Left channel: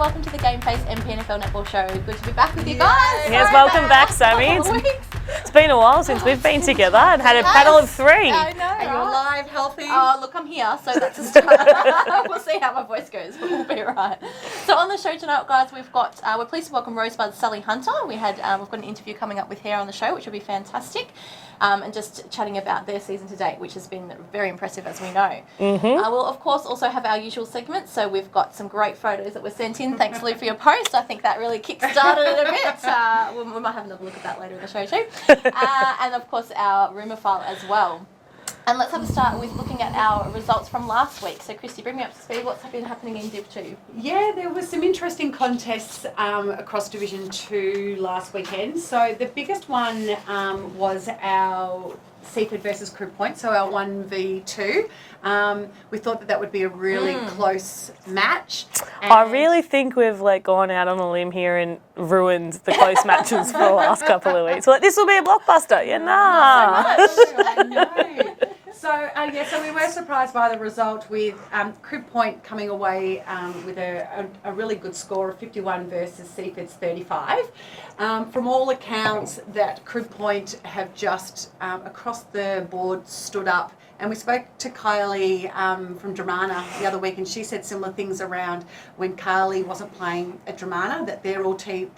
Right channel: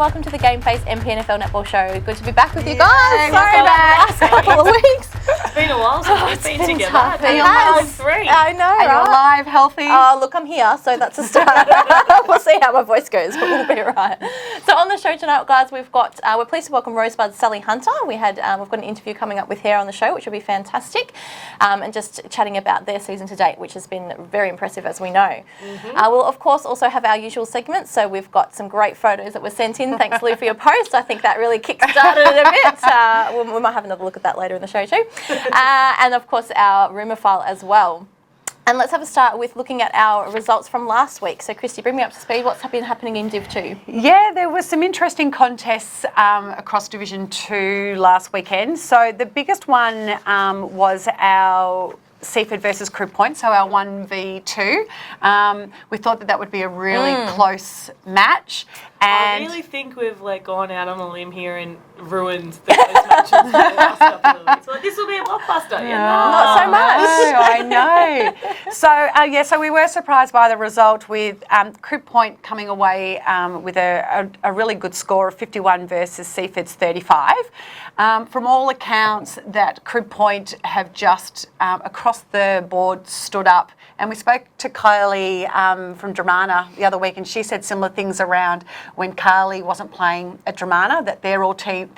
welcome to the GameFace MPNFL Netball Show. Good to be back with you guys. Yes, welcome back, Sammy. A couple of weeks. It's been a while since we've been together. Tough. Had a battle of three. I know, And you're alive, healthy. Oh, look, I'm here, so that's a start. We'll see how my voice goes, but we'll be right. So on the show tonight, guys, we've got, we're pleased to welcome Rosebud's Sally Hunter. We've got an interview coming up with her on the show, which will be fantastic, and just chatting about their season to date, which has been very impressive, as we know. We'll, of course, also have our usual segments, so we've got some great photos that were sent in. Thanks, Lou, for your post. I think that really kick-started it a bit. We might have another look at that later in the show too. And, of course, our rumour file as well. And let's have a start with looking at our results from last week. So, Christy, bring me up to speed. What's been happening in Div 2? Yeah, there was some interesting contests across Division 2 last weekend. So the biggest one was our Seaford versus Crew Point, so our 1v2. We thought that would be a really close match. And I really think we've gone out on a limb here and ruined the close matches for the last couple of weeks. This will be a blockbuster. Not so much. I know. So we were surprised by the result with Crew Point coming away with a really good score of 51 versus Seaford's 35. From all accounts, that Crew Point have just across the board stood up. And we spoke to Kylie from Dramana the other week, and she said similar things around when Carly wasn't playing at Dramana, that their whole team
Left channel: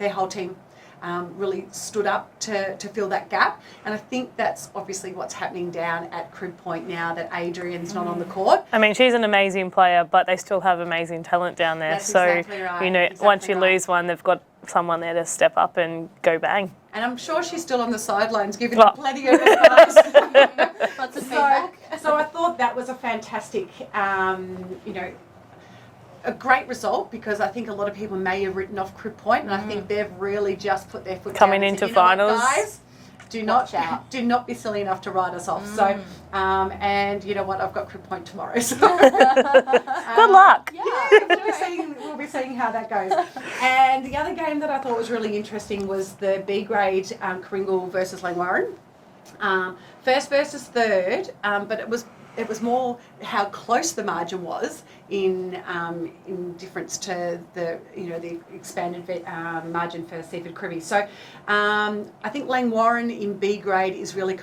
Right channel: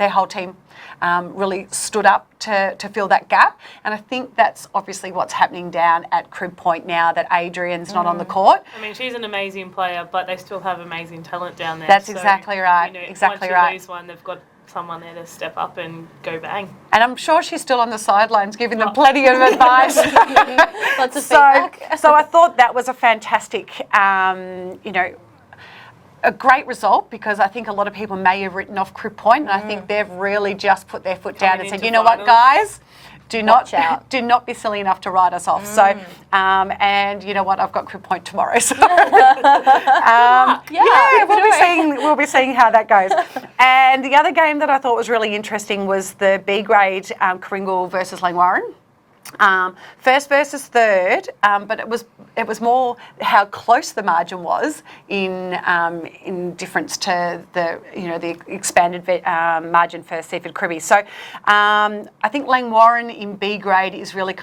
really stood up to fill that gap. And I think that's obviously what's happening down at Crib Point now that Adrian's not on the court. I mean, she's an amazing player, but they still have amazing talent down there. That's exactly right. Once you lose one, they've got someone there to step up and go bang. And I'm sure she's still on the sidelines giving them plenty of advice. Lots of feedback. So I thought that was a fantastic, a great result, because I think a lot of people may have written off Crib Point, and I think they've really just put their foot down and said, you know what, guys? Do not be silly enough to write us off. So, and you know what? I've got Crib Point tomorrow. So, good luck. Yeah, we'll be seeing how that goes. And the other game that I thought was really interesting was the B grade Coringal versus Langwarrin. First versus third, but it was more how close the margin was in difference to the expanded margin for Seaford Cribby. So I think Langwarrin in B grade is really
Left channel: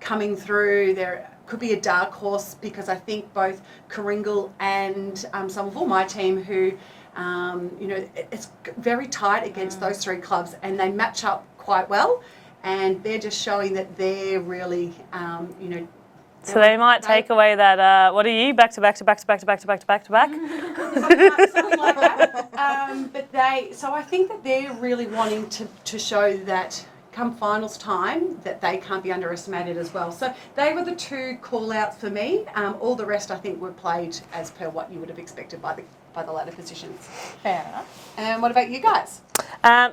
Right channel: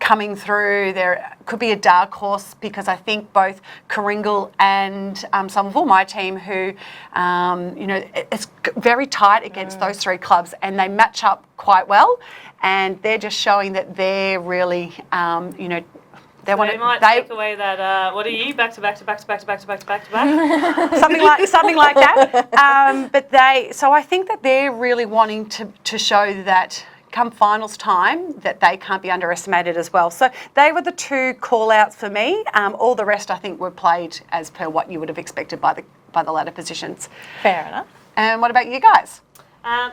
coming through. There could be a dark horse, because I think both Coringal and Somerville, my team, who it's very tight against those three clubs, and they match up quite well. And they're just showing that they're really, So they might take away that. What are you? Back to back. Something like that. So I think that they're really wanting to show that come finals time that they can't be underestimated as well. So they were the two call-outs for me. All the rest, I think, were played as per what you would have expected by the ladder positions. Fair enough. And what about you guys?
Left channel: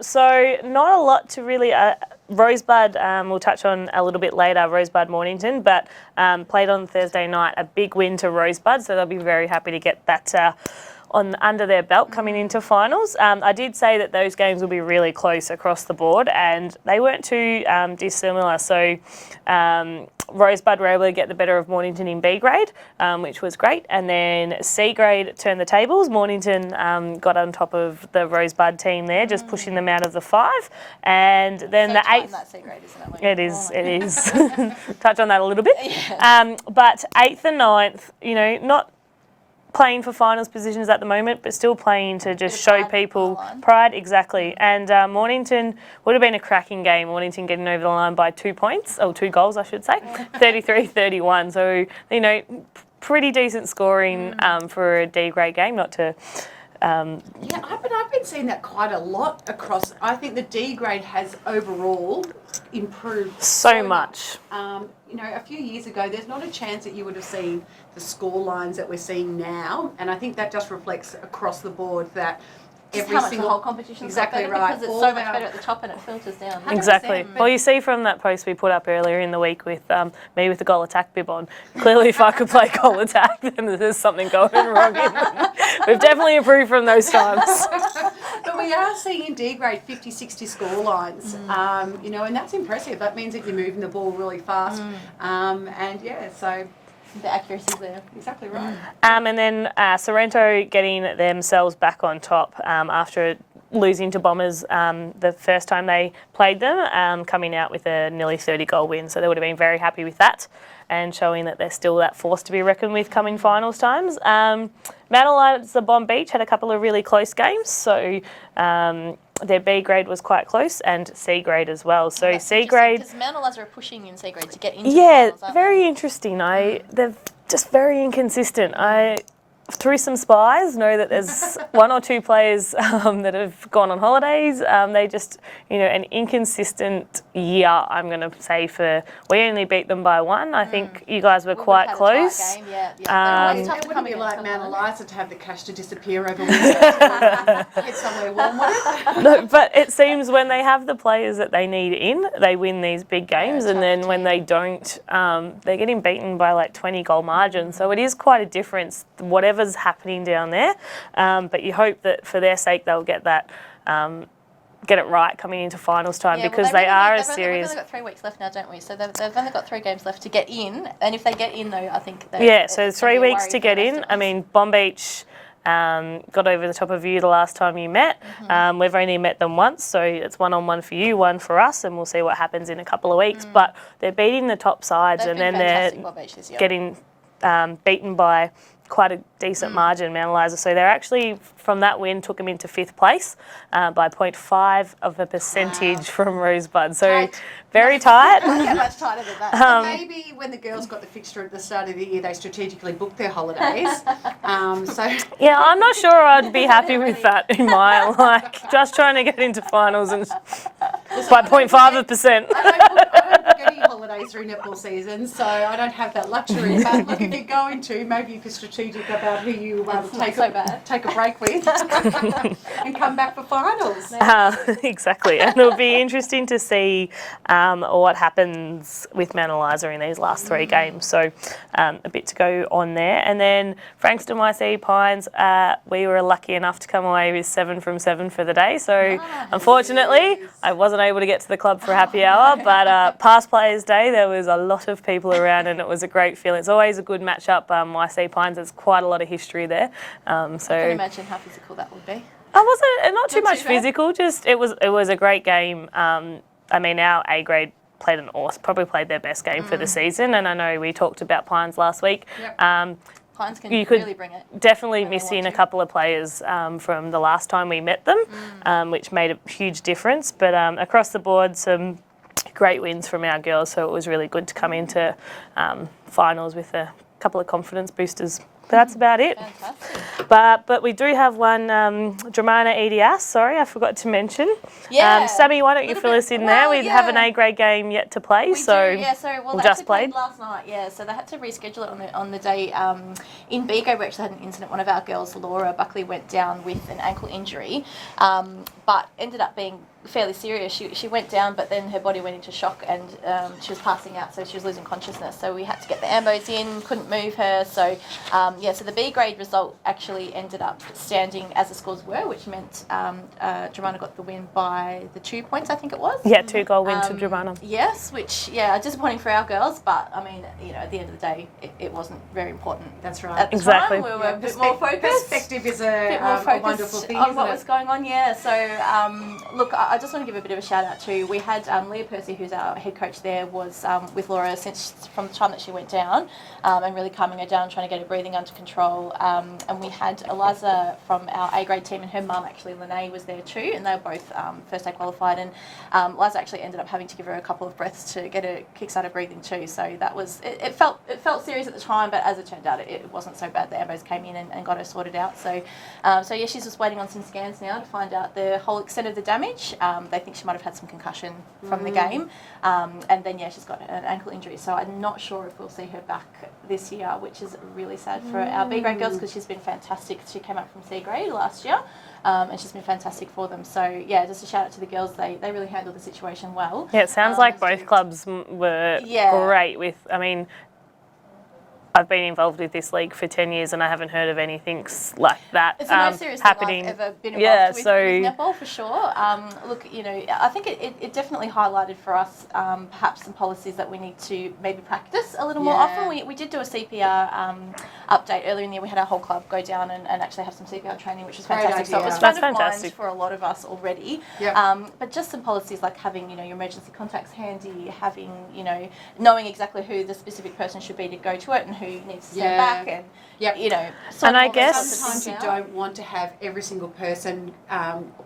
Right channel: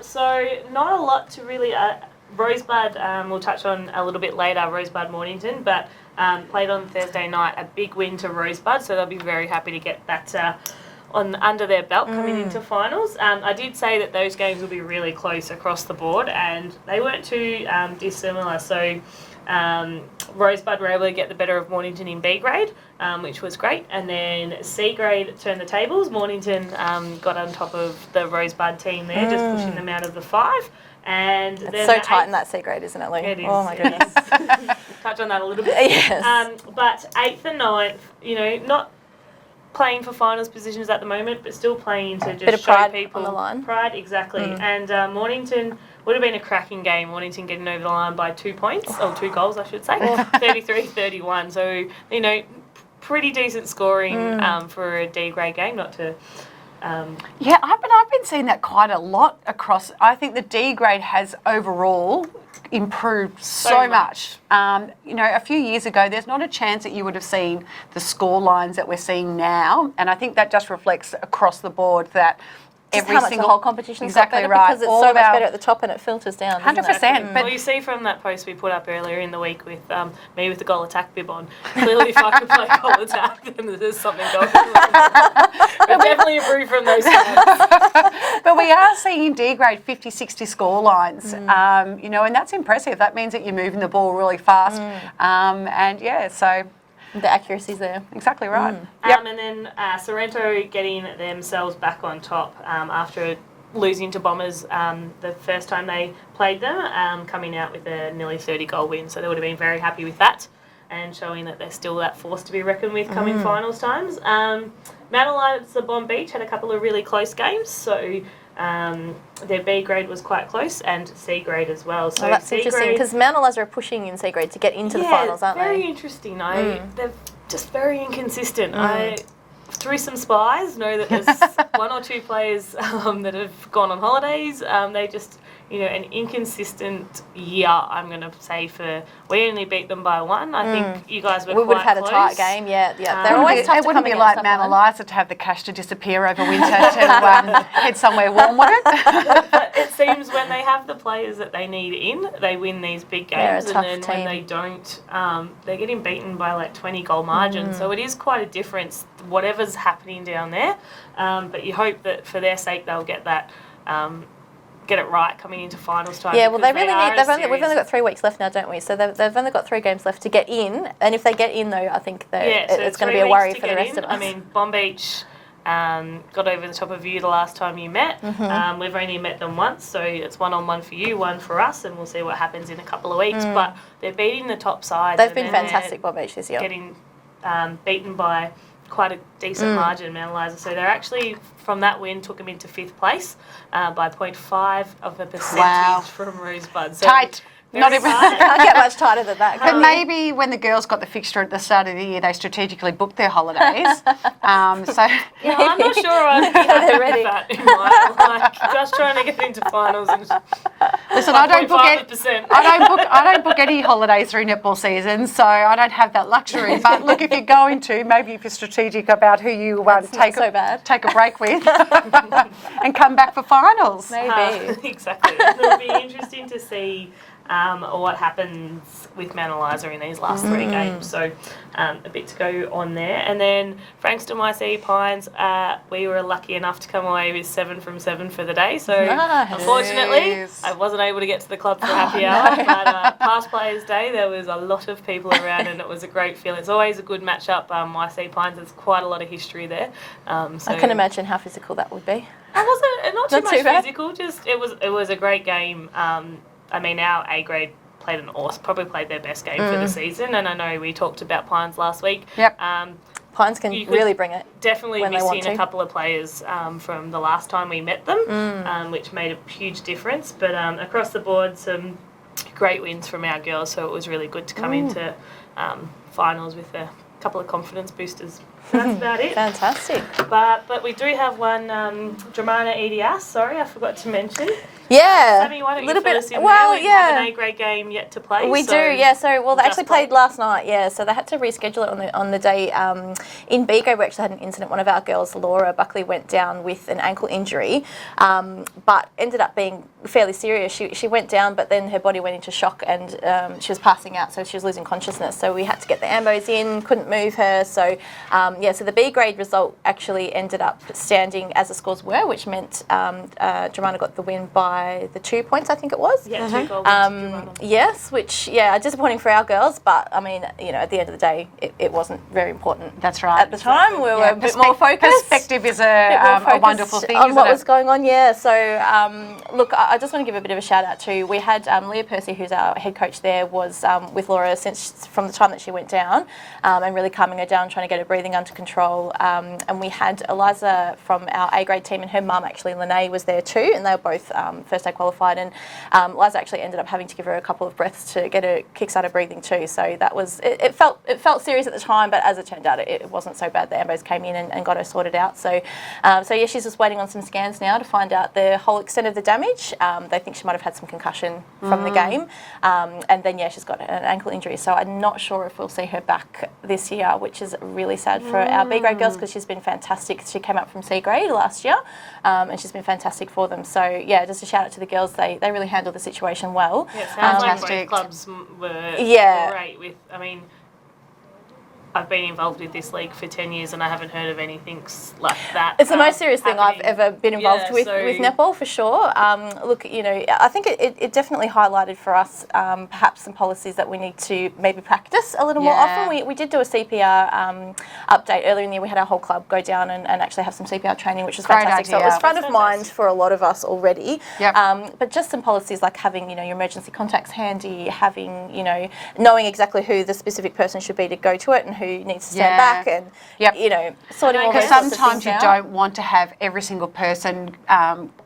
So not a lot to really. Rosebud, we'll touch on a little bit later, Rosebud Mornington, but played on Thursday night, a big win to Rosebud, so they'll be very happy to get that under their belt coming into finals. I did say that those games will be really close across the board, and they weren't too dissimilar. So Rosebud were able to get the better of Mornington in B grade, which was great. And then C grade turned the tables. Mornington got on top of the Rosebud team there, just pushing them out of the 5. And then so the tight in that C grade, isn't it, Lee? It is. It is. Touch on that a little bit. Yes. But 8th and 9th, not playing for finals positions at the moment, but still playing to just show people pride, exactly. And Mornington would have been a cracking game. Mornington getting over the line by 2 points, or 2 goals, I should say, 33-31. So pretty decent scoring for a D grade game. Not to. Yeah, I've been seeing that quite a lot across. I think the D grade has overall improved so much. A few years ago, there's not a chance that you would have seen the score lines that we're seeing now, and I think that just reflects across the board that every single whole competition exactly better, right, because it's so much better at the top and it filters down. 100%. Exactly. Well, you see from that post we put up earlier in the week with me with the goal attack bib on. Clearly, if I could play goal attack, then there's something going wrong. We've definitely improved from those times. But we are seeing in D grade 50, 60 score lines, and that's impressive. That means that you're moving the ball really fast, so. The accuracy's there. Exactly right. And then Sorrento getting themselves back on top after losing to Bombers the first time they played them, coming out with a nearly 30-goal win. So they would have been very happy with that and showing that they're still that force to be reckoned with coming finals times. Mount Eliza Bomb Beach had a couple of really close games. So their B grade was quite close and C grade as well. So that's C interesting grade... because Mount Eliza are pushing in C grade to get into the finals, aren't very they? interesting. They're just very inconsistent. I, through some spies, know that there's one or two players that have gone on holidays. They just, an inconsistent year, I'm going to say, we only beat them by 1. I think you guys were quite close. We would have had a tight game, yeah. They're always tough it to wouldn't come be like against, Mount Eliza to have the cash to disappear over winter to head somewhere warm, would it? No, but it seems when they have the players that they need in, they win these big games. They're a And then tough when team. they don't, they're getting beaten by like 20-goal margin. So it is quite a difference, whatever's happening down there. But you hope that for their sake they'll get that, get it right coming into finals time Yeah, because well, they are we've only got 3 weeks left now, don't we? So they've only got 3 games left to get in. And if they get in, though, I think that so it's 3 going to be a weeks worry to for the get rest in. of I us. mean, Bomb Beach got over the top of you the last time you met. We've only met them once, so it's 1-on-1 for you, 1 for us, and we'll see what happens in a couple of weeks. But they're beating the top sides. They've and been then fantastic, they're Bomb Beach, this year. getting beaten by quite a decent margin, Mount Eliza. So they're actually, from that win, took them into 5th place by 0.5% from Rosebud. So Tight. very tight. Can't get much tighter than that. But maybe when the girls got the fixture at the start of the year, they strategically booked their holidays. Yeah, I'm not sure I'd be happy with that in my just trying to get into finals and Listen, by 0.5%. I don't book any holidays through netball season, so I don't have that luxury. But look, if you're going to, maybe if you're strategic about who you take a break with and come back for finals. Exactly, and it'll be interesting to see what happens with Mount Eliza in these last 3 games. So a bit to go on there. And then Frankston YC Pines, we were lucky enough to come away with 7 from 7 for the day. So unfortunately, I wasn't able to get to the club for happy hour. But past Players Day, there was a lot of people around, and it was a great feeling. It's always a good matchup. YC Pines, there's quite a lot of history there. So I can imagine how physical that would be. I wasn't not too much bad. physical. Just it was a great game. I mean, our A grade played probably played their best game for the season, and I know we talked about Pines last week. Yep. Pines can really bring it. Definitely when they want missing a to. couple of players from the last time we met them, which made a huge difference. But across the board, some great wins from our girls, so it was really good to come into finals with a couple of confidence boosters. That's about it. Fantastic. But we do have one Dramana EDS. Sorry, I forgot to mention. Yeah. Sammy, why don't you Little fill bit- us in well, there? We yeah. have an A grade game yet to play. We so do, yeah. So, well, they just actually played last night, yeah. So they had to reschedule it on the day. In B grade, we actually had an incident. One of our girls, Laura Buckley, went down with an ankle injury, but ended up being fairly serious. She went down, but then her body went into shock and she was passing out, so she was losing consciousness. So we had to get the ambos in, couldn't move her. So, so the B grade result actually ended up standing as the scores were, which meant Dramana got the win by the 2 points, I think it was. Yeah, 2-goal win to Dramana. Yes, which, disappointing for our girls, but I mean, at the end of the day, it wasn't very important. That's right. At the time, we were a bit more focused. Perspective is a wonderful thing, on isn't what it? was going on, yeah. So, look, I just want to give a bit of a shout out to, we had Leah Percy, who's our head coach there, was with Laura from the time that she went down, and really calming her down, trying to get her breathing under control. And we had Eliza from our A grade team, and her mum, actually, Lene, was there too, and they were both first day qualified. And Eliza actually ended up having to give her a couple of breaths to get her kick-started breathing too. So that was, it felt serious at the time, but as it turned out, it wasn't so bad. The ambos came in and got her sorted out. So, yeah, she's just waiting on some scans now to find out the whole extent of the damage. They think she might have had some concussion from the game. And then, yeah, she's got an ankle injury. So I'm not sure if we'll see her back this year, which is really sad for our B grade girls because she's been fantastic. She came up from C grade last year, and she's been fantastic for them. So, yeah, just a shout out to the girls. They really handled the situation well. Yeah, it sounds like both clubs were great with, I mean, I've been involved with this league for 10 years and I haven't heard of anything like that. It's the most serious thing happening. I've ever been involved with netball, for sure. Look, you know, I think it definitely highlighted for us perhaps some policies that we need to maybe practice a little more often. We did do a CPR update earlier in the year. We had our whole club go down and actually have some CPR training, which was fantastic. So it was front of mind for a lot of us already. Yep. But just some policies like having, you know, your emergency contacts handy, having, you know, knowing exactly who the specific person should be to go to it and who needs to stand back, and you know, and I guess sometimes you don't want to have every single person,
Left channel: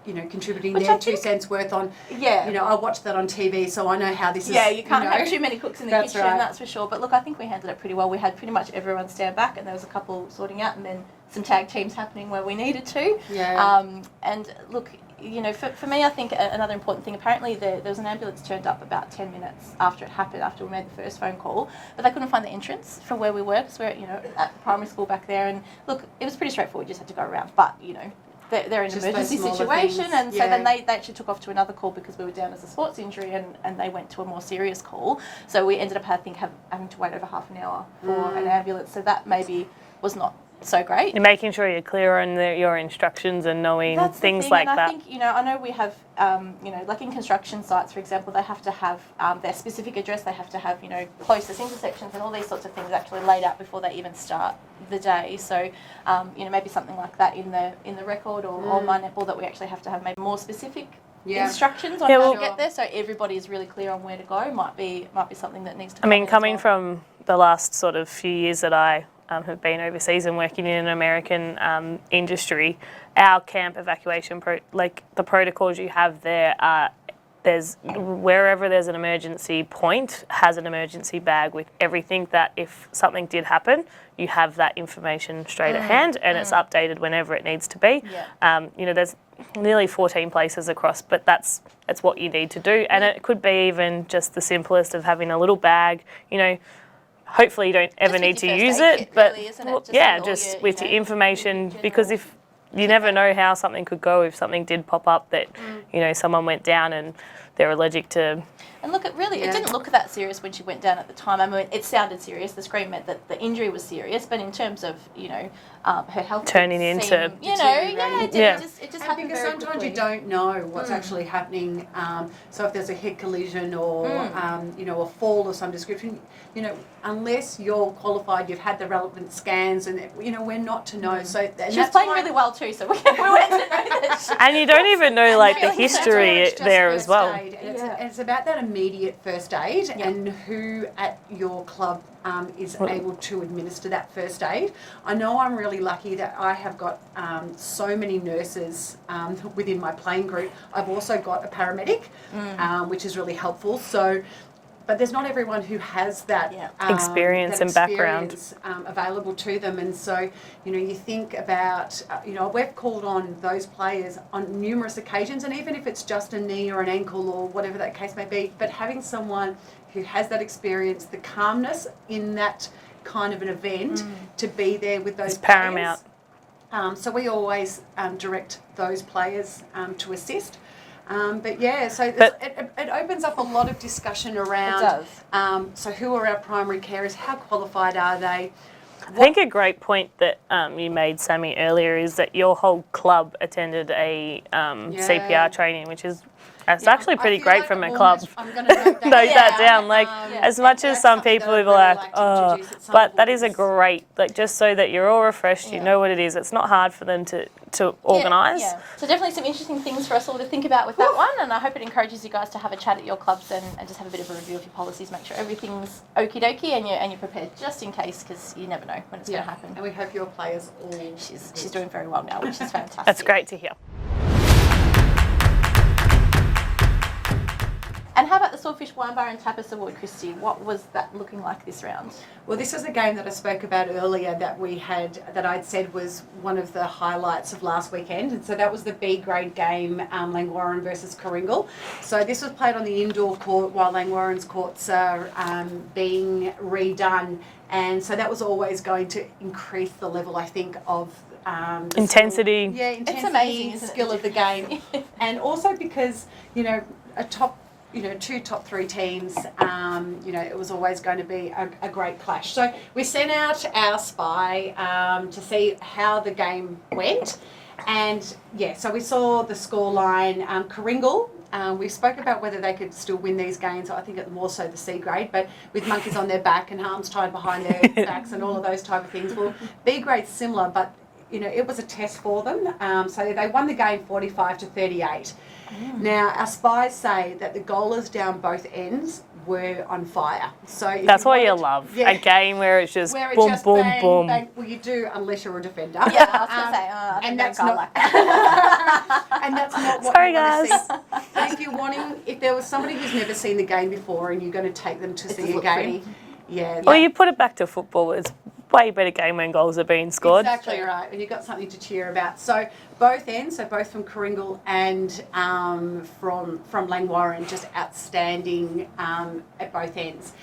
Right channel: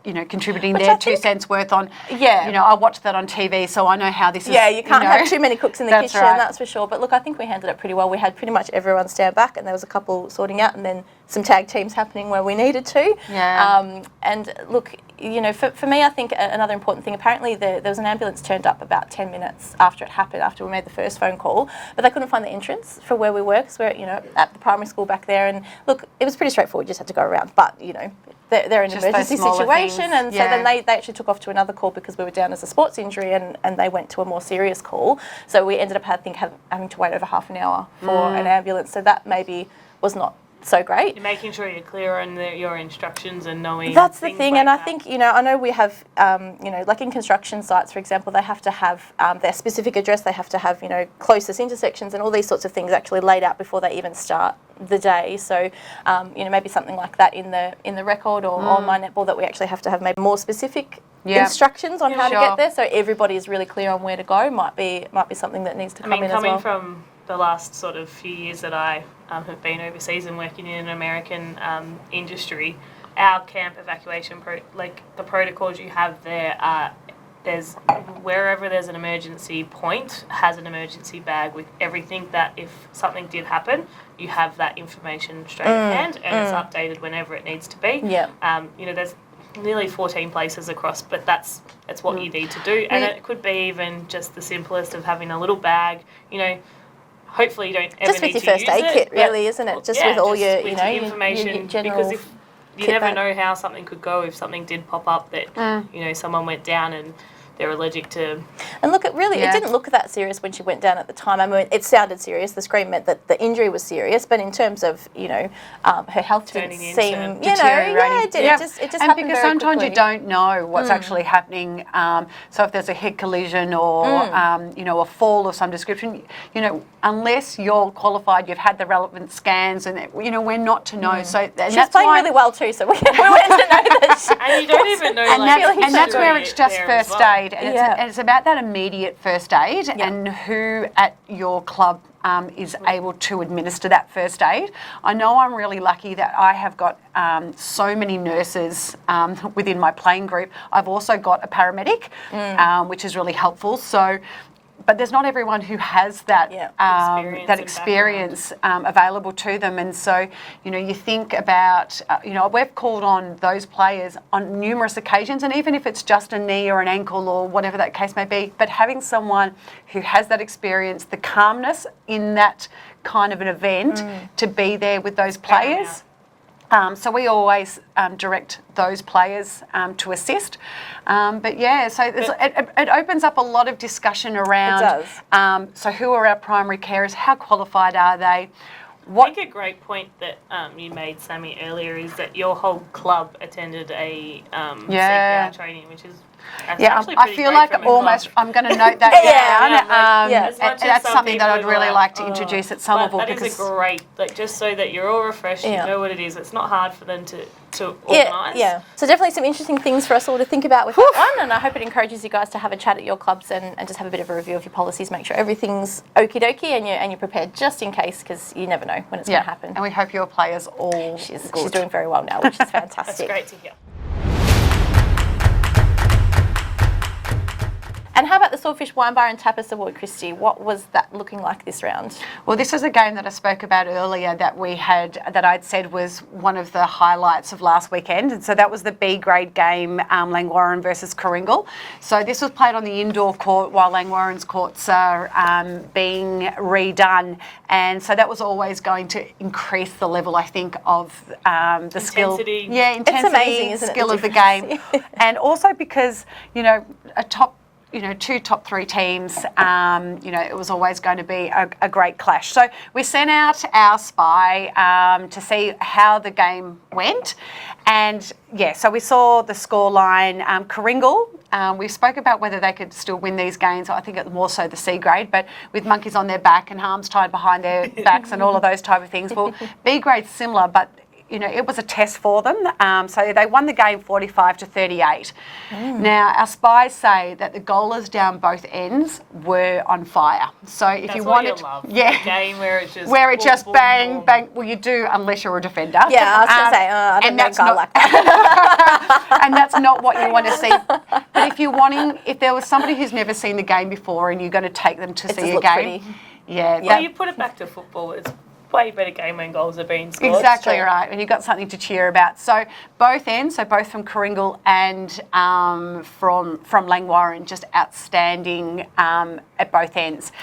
you know, contributing their 2 cents worth on. You know, I watched that on TV, so I know how this is. Yeah, you can't have too many cooks in the kitchen, that's for sure. But look, I think we handled it pretty well. We had pretty much everyone stand back, and there was a couple sorting out, and then some tag teams happening where we needed to. And look, you know, for me, I think another important thing, apparently there was an ambulance turned up about 10 minutes after it happened, after we made the first phone call, but they couldn't find the entrance for where we were, because we're, you know, at the primary school back there. And look, it was pretty straightforward, you just had to go around, but, you know, they're in an emergency situation, and so then they actually took off to another call because we were down as a sports injury, and they went to a more serious call. So we ended up, I think, having to wait over half an hour for an ambulance, so that maybe was not so great. You're making sure you're clear on your instructions and knowing that's things the thing, like and that. I think, you know, I know we have, you know, like in construction sites, for example, they have to have their specific address, they have to have, you know, closest intersections and all these sorts of things actually laid out before they even start the day. So, you know, maybe something like that in the record or on my netball, that we actually have to have maybe more specific instructions on how to get there, so everybody is really clear on where to go. Might be something that needs to come in as well. Coming from the last sort of few years that I have been overseas and working in an American industry, our camp evacuation, the protocols you have there are, wherever there's an emergency point, has an emergency bag with everything that if something did happen, you have that information straight at hand, and it's updated whenever it needs to be. You know, there's nearly 14 places across, but that's what you need to do. And it could be even just the simplest of having a little bag, you know. Hopefully you don't ever need to use it. Just with your first aid kit, really, isn't it? Just with all your, with your information, because if you never know how something could go, if something did pop up that, you know, someone went down and they're allergic to. And look, it didn't look that serious when she went down at the time. I mean, it sounded serious. The scream meant that the injury was serious, but in terms of, you know, her health turning into deteriorating. It just and happened because very sometimes quickly. you don't know what's actually happening. So if there's a head collision or you know, a fall of some description, you know, unless you're qualified, you've had the relevant scans, and you know, we're not to know. So She was playing really well too, so we went to know that. And you don't even know like the history and that's where it's just there first as well. aid. And it's about that immediate first aid and who at your club is able to administer that first aid. I know I'm really lucky that I have got so many nurses within my playing group. I've also got a paramedic, which is really helpful. So, but there's not everyone who has that experience available to them. And so, you know, you think about, you know, we've called on those players on numerous occasions, and even if it's just a knee or an ankle or whatever that case may be, but having someone who has that experience, the calmness in that kind of an event to be there with those players. So we always direct those players to assist. But yeah, so it opens up a lot of discussion around, so who are our primary carers, how qualified are they? I think a great point that you made, Sammy, earlier is that your whole club attended a CPR training, which is actually pretty great from a club. I'm going to note that down. As much as some people that I'd really like to introduce at some level. But that is a great, like, just so that you're all refreshed, you know what it is. It's not hard for them to organise. So definitely some interesting things for us all to think about with that one, and I hope it encourages you guys to have a chat at your clubs and just have a bit of a review of your policies, make sure everything's okie dokie and you're prepared just in case, because you never know when it's going to happen. And we hope your players all She's doing very well now, which is fantastic. That's great to hear. And how about the Swordfish Wine Bar and Tapas Award, Christy? What was that looking like this round? Well, this was a game that I spoke about earlier that we had, that I'd said was one of the highlights of last weekend. And so that was the B grade game, Langwarrin versus Coringal. So this was played on the indoor court while Langwarrin's courts are being redone. And so that was always going to increase the level, I think, of the intensity. Skill. Yeah, intensity, it's amazing, isn't skill it, of the game. And also because, you know, a top two top 3 teams, it was always going to be a great clash. So we sent out our spy to see how the game went. And, so we saw the scoreline. Kooringal, we spoke about whether they could still win these games. I think it's more so the C grade, but with monkeys on their back and arms tied behind their backs and all of those type of things. Well, B grade's similar, but it was a test for them. So they won the game 45-38. Now, our spies say that the goalers down both ends were on fire. So if That's you what wanted, you love. A game where it's just boom, bang, boom. bang. Well, you do unless you're a defender. Yeah, I was going to say, I don't know a guy like that. And that's not what you want to Sorry, see. But if there was somebody who's never seen the game before and you're going to take them to see a game, Well, you put it back to football. It's way better game when goals are being scored. Exactly right, and you've got something to cheer about. So both ends, both from Kooringal and from Langwarrin, just outstanding at both ends,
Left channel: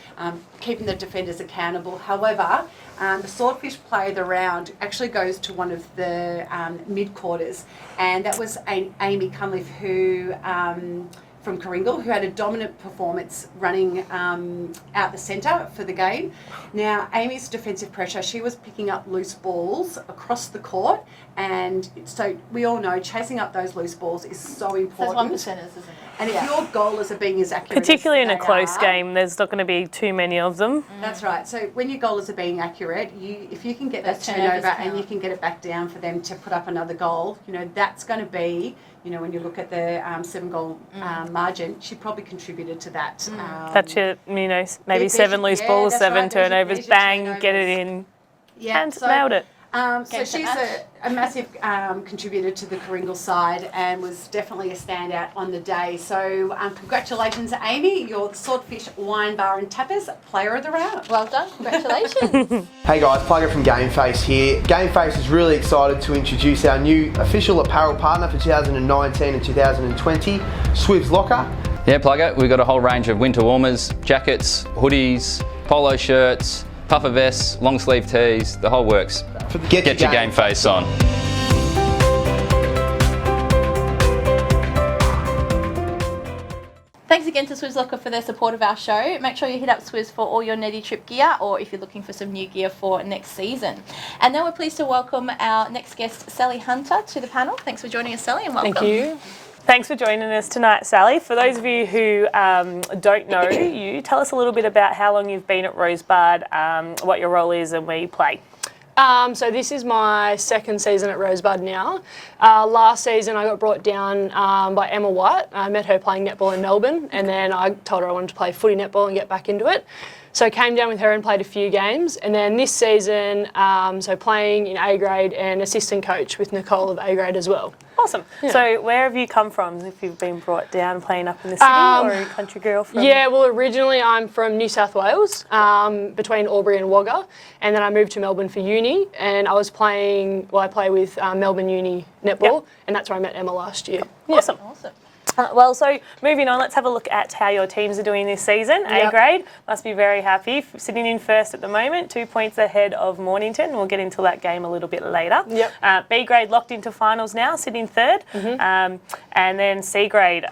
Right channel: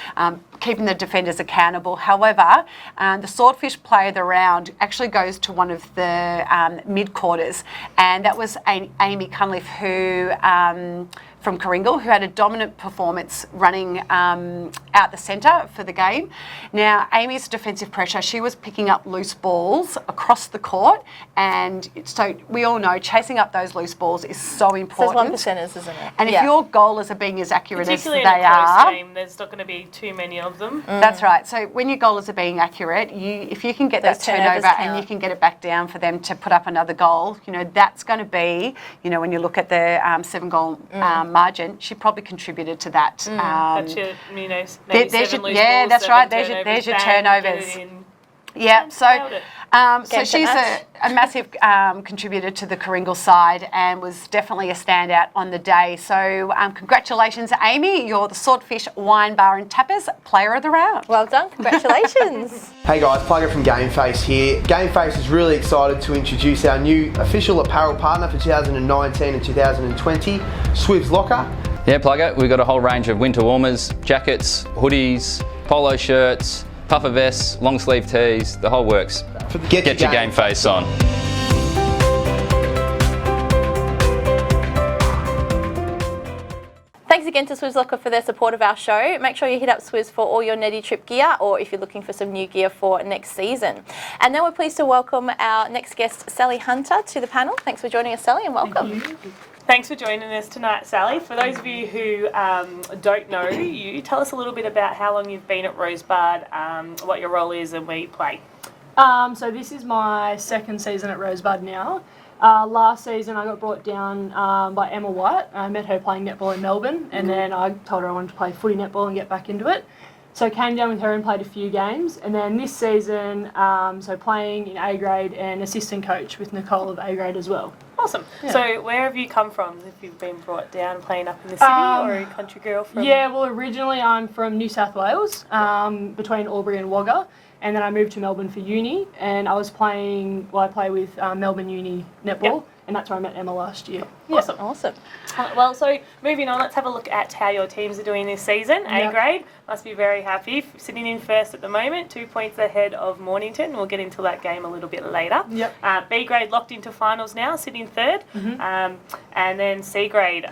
keeping the defenders accountable. However, the swordfish play of the round actually goes to one of the mid-quarters, and that was Amy Cunliffe, who from Kooringal, who had a dominant performance running out the centre for the game. Now, Amy's defensive pressure, she was picking up loose balls across the court, and so we all know chasing up those loose balls is so important. There's 1%ers, isn't it? And if your goalers are being as accurate particularly as in they a close are, game, there's not going to be too many of them. That's right. So when your goalers are being accurate, if you can get Those that turnover turnovers and you count. can get it back down for them to put up another goal, that's going to be, when you look at the 7-goal margin, she probably contributed to that. That's your, maybe there's 7 your- loose yeah, balls, that's 7 right. turnovers, There's your bang, turnovers. get it in. Yeah, And so nailed it. so she's a massive contributor to the Kooringal side and was definitely a standout on the day. So congratulations, Amy. You're the Swordfish Wine Bar and Tapas Player of the Round. Well done. Congratulations. Hey guys, Plugger from GameFace here. GameFace is really excited to introduce our new official apparel partner for 2019 and 2020, Swiv's Locker. Yeah, Plugger, we've got a whole range of winter warmers, jackets, hoodies, polo shirts, puffer vests, long sleeve tees, the whole works. Get your game face on. Thanks again to Swizz Locker for their support of our show. Make sure you hit up Swizz for all your Netty Trip gear, or if you're looking for some new gear for next season. And now we're pleased to welcome our next guest, Sally Hunter, to the panel. Thanks for joining us, Sally, and welcome. Thank you. Thanks for joining us tonight, Sally. For those of you who don't know you, tell us a little bit about how long you've been at Rosebud, what your role is and where you play. So this is my second season at Rosebud now. Last season I got brought down by Emma White. I met her playing netball in Melbourne, and then I told her I wanted to play footy netball and get back into it. So I came down with her and played a few games, and then this season, so playing in A grade and assistant coach with Nicole of A grade as well. Awesome. Yeah. So where have you come from if you've been brought down playing up in the city, or are you a country girl from? Yeah, well originally I'm from New South Wales, between Albury and Wagga, and then I moved to Melbourne for uni, and I play with Melbourne Uni netball, and that's where I met Emma last year. Awesome. Awesome. Well, so moving on, let's have a look at how your teams are doing this season. A grade must be very happy, sitting in first at the moment, 2 points ahead of Mornington. We'll get into that game a little bit later. Yep. B grade locked into finals now, sitting third, and then C grade.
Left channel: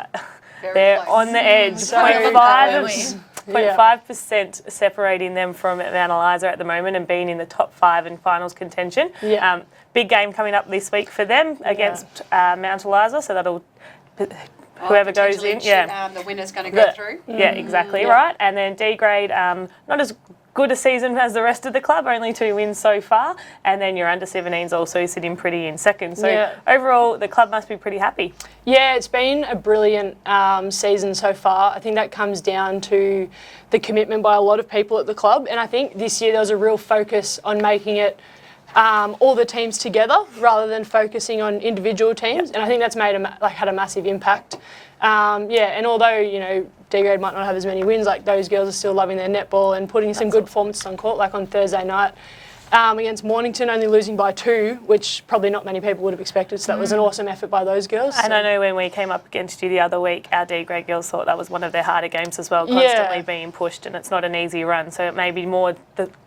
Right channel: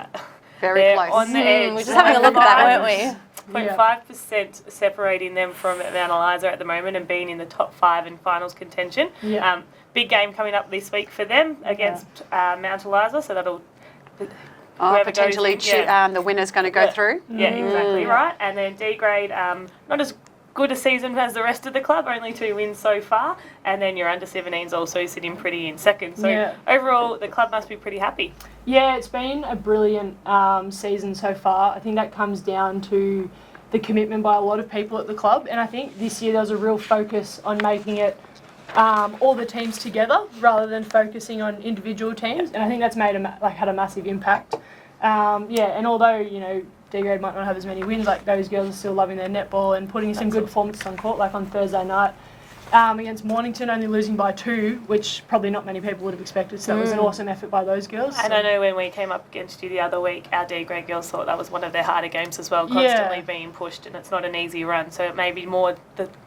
Very they're close. on the edge. We're just having a look at that, weren't we? 0.5% separating them from Mount Eliza at the moment and being in the top 5 in finals contention. Yeah. Big game coming up this week for them against Mount Eliza, so that'll whoever goes in. The winner's going to go through. Yeah, exactly right. And then D grade, not as good a season as the rest of the club, only 2 wins so far. And then your under-17s also sitting pretty in second. So overall, the club must be pretty happy. Yeah, it's been a brilliant season so far. I think that comes down to the commitment by a lot of people at the club. And I think this year there was a real focus on making it all the teams together rather than focusing on individual teams. And I think that's made had a massive impact. And although, D grade might not have as many wins, those girls are still loving their netball and putting some good performances on court, like on Thursday night against Mornington, only losing by 2, which probably not many people would have expected. So that was an awesome effort by those girls. And I know when we came up against you the other week, our D grade girls thought that was one of their harder games as well, constantly being pushed, and it's not an easy run. So it may be more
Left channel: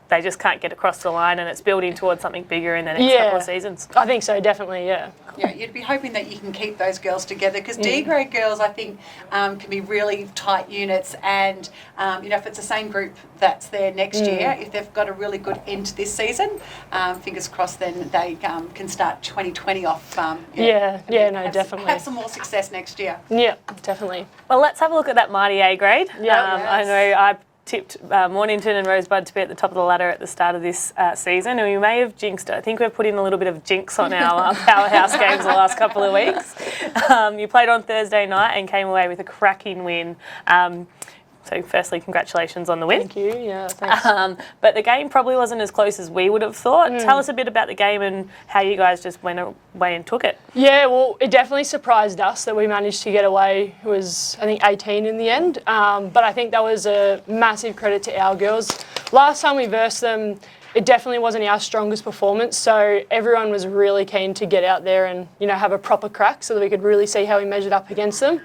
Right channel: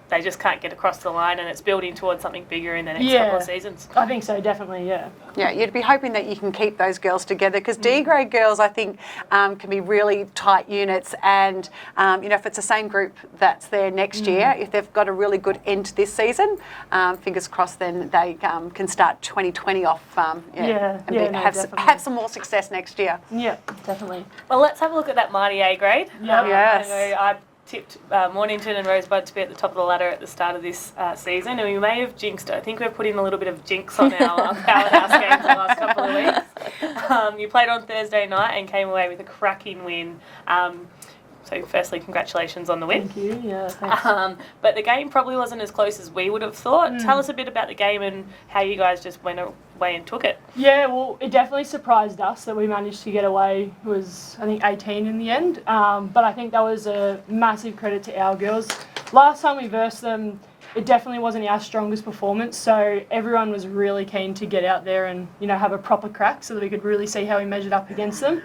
they just can't get across the line, and it's building towards something bigger in the next couple of seasons. I think so, definitely, yeah. Yeah, you'd be hoping that you can keep those girls together because D grade girls, I think, can be really tight units. And if it's the same group that's there next year, if they've got a really good end to this season, fingers crossed, then they can start 2020 off. Definitely. Have some more success next year. Yeah, definitely. Well, let's have a look at that mighty A grade. I know I've tipped Mornington and Rosebud to be at the top of the ladder at the start of this season, and we may have jinxed it. I think we've put in a little bit of jinx on our powerhouse games the last couple of weeks. You played on Thursday night and came away with a cracking win. So firstly, congratulations on the win. Thank you, yeah, thanks. But the game probably wasn't as close as we would have thought. Tell us a bit about the game and how you guys just went away and took it. Yeah, well, it definitely surprised us that we managed to get away. It was, I think, 18 in the end. But I think that was a massive credit to our girls. Last time we versed them, it definitely wasn't our strongest performance, so everyone was really keen to get out there and, have a proper crack so that we could really see how we measured up against them.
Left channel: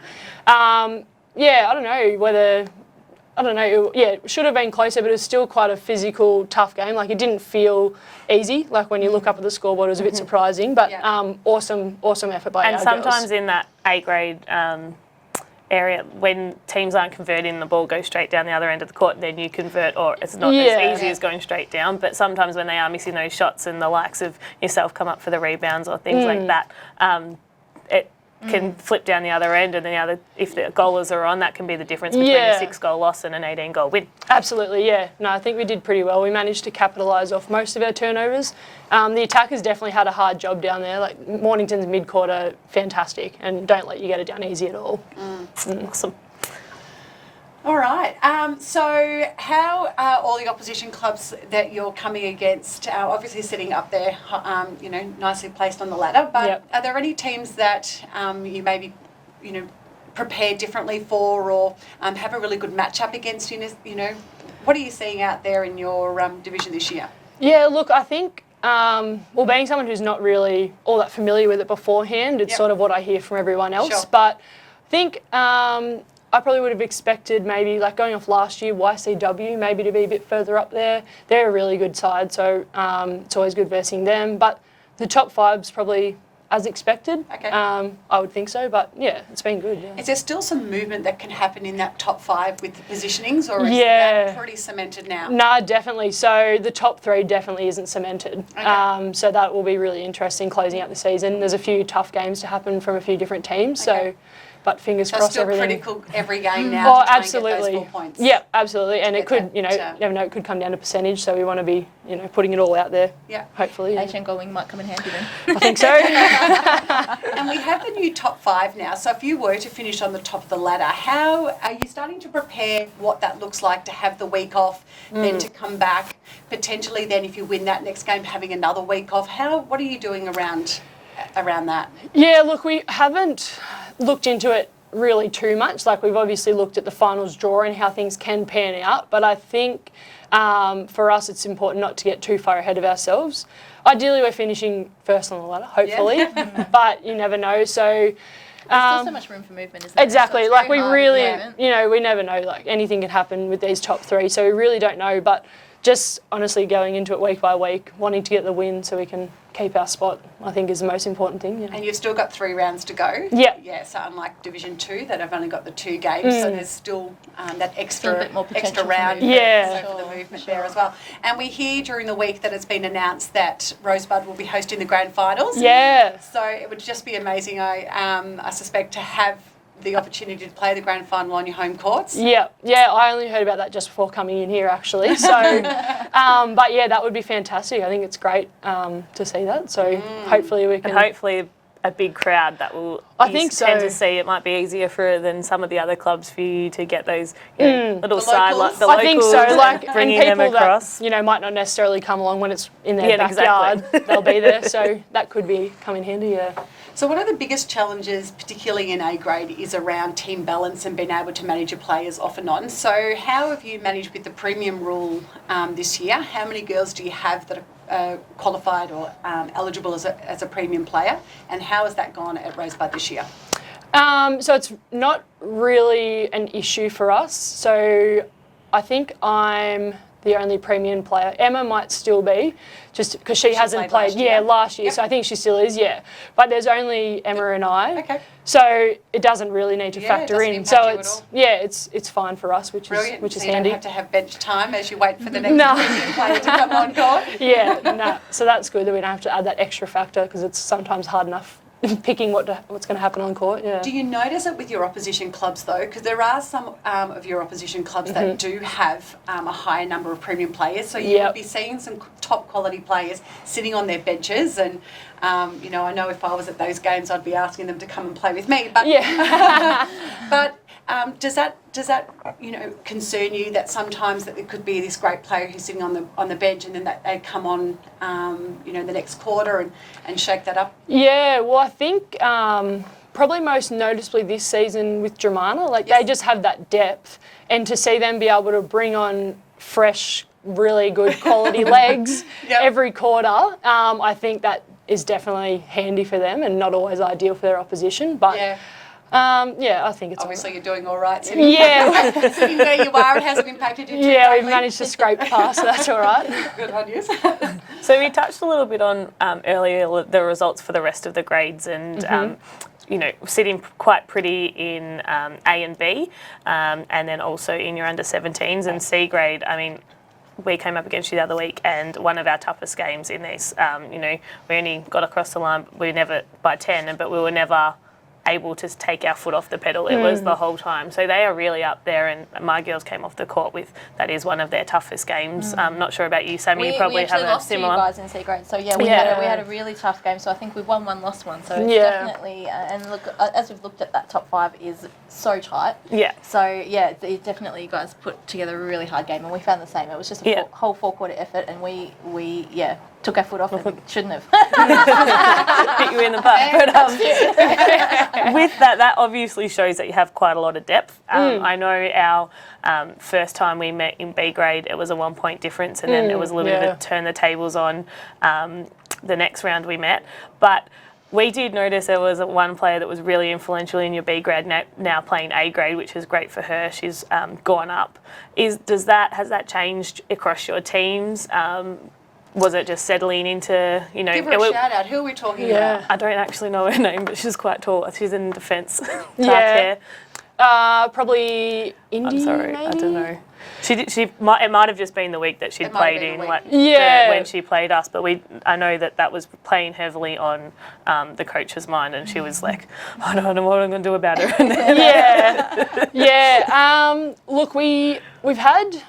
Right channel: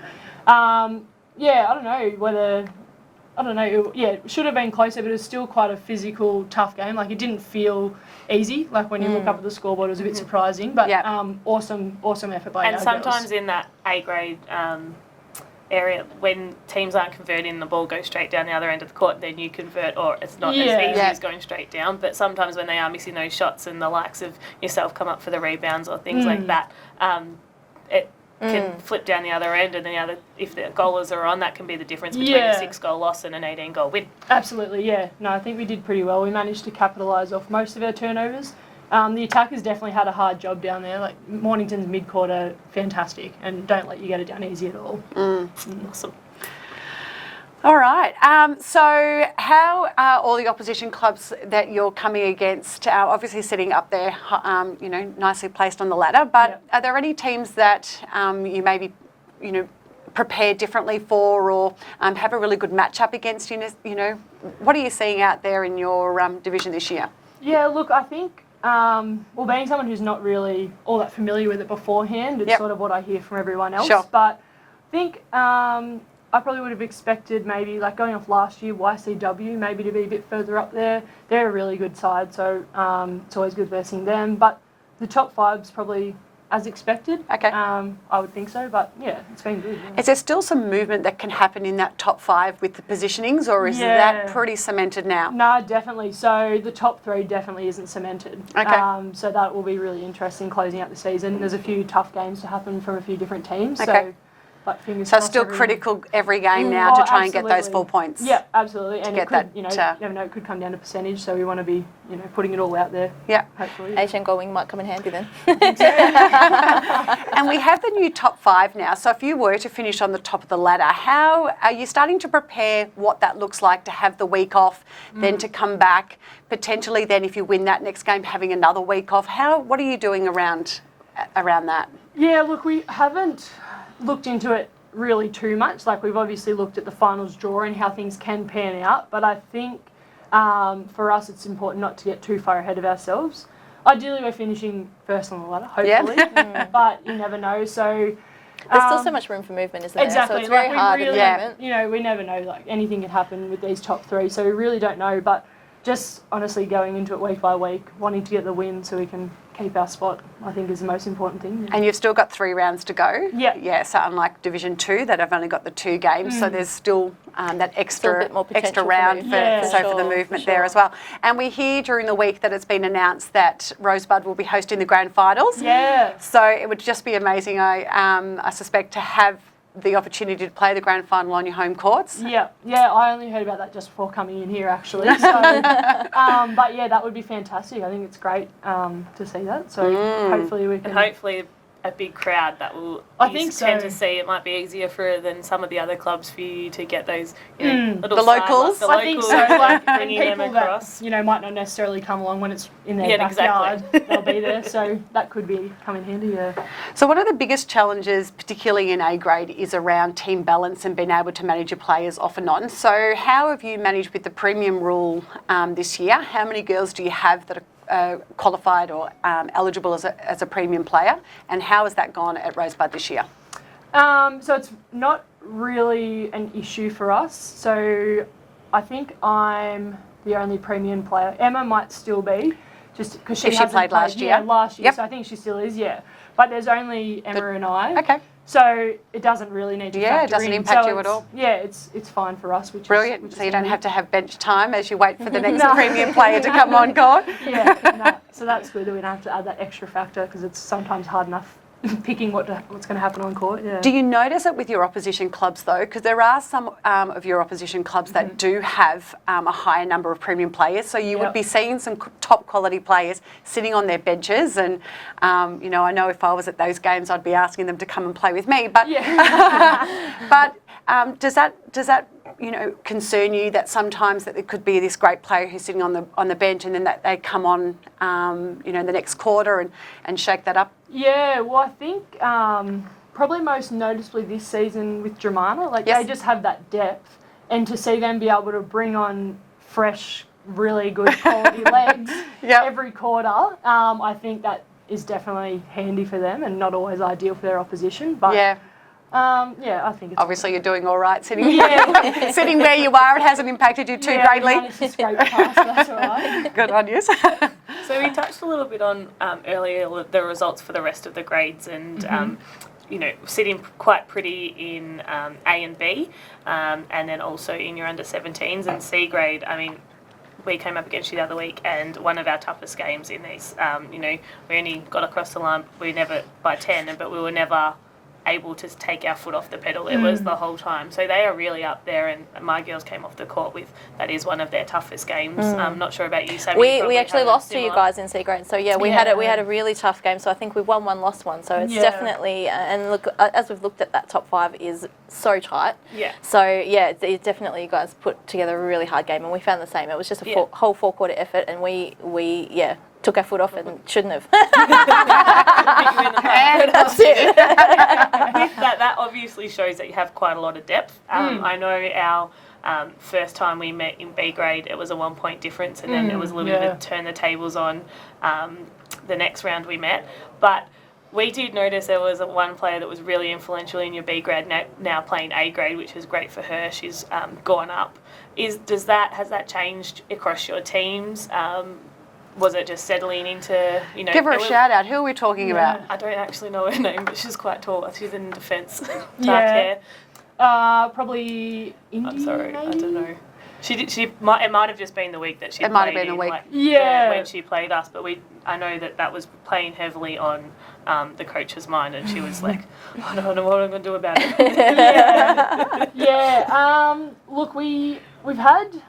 I don't know, it should have been closer, but it was still quite a physical, tough game. Like, it didn't feel easy. Like, when you look up at the scoreboard, it was a bit surprising, but awesome effort by our girls. And sometimes in that A grade area, when teams aren't converting, the ball goes straight down the other end of the court, then you convert, or it's not as easy as going straight down, but sometimes when they are missing those shots and the likes of yourself come up for the rebounds or things like that, it can flip down the other end, and then if the goalers are on, that can be the difference between a 6-goal loss and an 18-goal win. Absolutely, yeah. No, I think we did pretty well. We managed to capitalise off most of our turnovers. The attackers definitely had a hard job down there. Like, Mornington's mid-quarter, fantastic, and don't let you get it down easy at all. Awesome. All right. So how are all the opposition clubs that you're coming against obviously sitting up there, nicely placed on the ladder, but are there any teams that you maybe, prepare differently for or have a really good matchup against? What are you seeing out there in your division this year? Yeah, look, I think, being someone who's not really all that familiar with it beforehand, it's sort of what I hear from everyone else. Sure. But I think I probably would have expected maybe, like going off last year, YCW maybe to be a bit further up there. They're a really good side, so it's always good versing them. But the top five's probably as expected. Okay. I would think so, but yeah, it's been good. Yeah. Is there still some movement that can happen in that top five with the positionings, or is that pretty cemented now? No, definitely. So the top three definitely isn't cemented. Okay. So that will be really interesting closing out the season. There's a few tough games to happen from a few different teams. Okay. But fingers crossed. crossed. So still critical every game now to try and get those 4 points. Yeah, absolutely. And it could, you never know, it could come down to percentage. So we want to be, putting it all out there. Yeah. Hopefully. 18 goal wing might come in handy then. I think so. And we have the new top five now. So if you were to finish on the top of the ladder, how are you starting to prepare what that looks like to have the week off, then to come back, potentially then if you win that next game, having another week off? What are you doing around that? Yeah, look, we haven't looked into it really too much. Like, we've obviously looked at the finals draw and how things can pan out, but I think for us it's important not to get too far ahead of ourselves. Ideally we're finishing first on the ladder, hopefully, but you never know. So there's still so much room for movement, isn't there? Exactly. So like, we really, we never know. Like, anything can happen with these top three, so we really don't know. But just honestly going into it week by week, wanting to get the win so we can keep our spot, I think is the most important thing. Yeah. And you've still got 3 rounds to go. Yeah. Yeah, so unlike Division 2 that have only got the 2 games, so there's still that extra round for the movement there as well. And we hear during the week that it's been announced that Rosebud will be hosting the grand finals. Yeah. So it would just be amazing, I suspect, to have the opportunity to play the grand final on your home courts. Yeah, I only heard about that just before coming in here, actually. So, but yeah, that would be fantastic. I think it's great to see that. So hopefully we can. And hopefully a big crowd that will. I think so. Tend to see it might be easier than some of the other clubs for you to get those little locals. The I think so. Like, and bringing them people across. that might not necessarily come along when it's in their backyard. They'll be there, so that could come in handy. Yeah. So one of the biggest challenges, particularly in A grade, is around team balance and being able to manage your players off and on. So how have you managed with the premium rule this year? How many girls do you have that are qualified or eligible as a premium player, and how has that gone at Rosebud this year? So it's not really an issue for us. So I think I'm the only premium player. Emma might still be, just because she hasn't played last year. last year. Yep. So I think she still is, But there's only Emma and I. Okay. So it doesn't really need to Yeah, it factor doesn't in. impact so you at all. Yeah, it's fine for us, which Brilliant. is So you handy. don't have to have bench time as you wait for the next No. premium player to come on court. So that's good that we don't have to add that extra factor because it's sometimes hard enough picking what's going to happen on court. Yeah. Do you notice it with your opposition clubs though? Because there are some of your opposition clubs that do have a higher number of premium players. So you would be seeing some top quality players sitting on their benches. And I know if I was at those games, I'd be asking them to come and play with me. But but does that concern you that sometimes that there could be this great player who's sitting on the bench and then that they come on the next quarter and shake that up? Yeah, well I think probably most noticeably this season with Germana, they just have that depth, and to see them be able to bring on fresh, really good quality legs every quarter, I think that is definitely handy for them and not always ideal for their opposition. But I think it's obviously you're doing all right sitting sitting where you are. It hasn't impacted you too greatly. Yeah, managed to scrape past, so that's all right. Good on you. So we touched a little bit on earlier the results for the rest of the grades and sitting quite pretty in A and B, and then also in your under 17s and C grade. I mean, we came up against you the other week, and one of our toughest games in this, we only got across the line. We never by 10, but we were never able to take our foot off the pedal. It was the whole time. So they are really up there, and my girls came off the court with that is one of their toughest games. I'm not sure about you, Sammy. We actually lost to you guys in C grade. So we had a really tough game. So I think we've won one, lost one. So it's definitely and look, as we've looked at that top 5 is so tight. Yeah. So it's definitely you guys put together a really hard game, and we found the same. It was just a whole 4-quarter effort, and we took our foot off and shouldn't have. Hit you in the back. That's it. With that obviously shows that you have quite a lot of depth. I know our first time we met in B grade, it was a 1 point difference, and then it was a little bit of a turn the tables on the next round we met. But we did notice there was one player that was really influential in your B grade, now playing A grade, which is great for her. She's gone up. Has that changed across your teams? Was it just settling into, Give her a shout out. Who are we talking about? I don't actually know her name, but she's quite tall. She's in defence. Probably Indy. I'm sorry, maybe? I don't know. It might have just been the week that she played in, when she played us. But I know that was playing heavily on the coach's mind, and she was like, I don't know what I'm going to do about it. Look, we've had.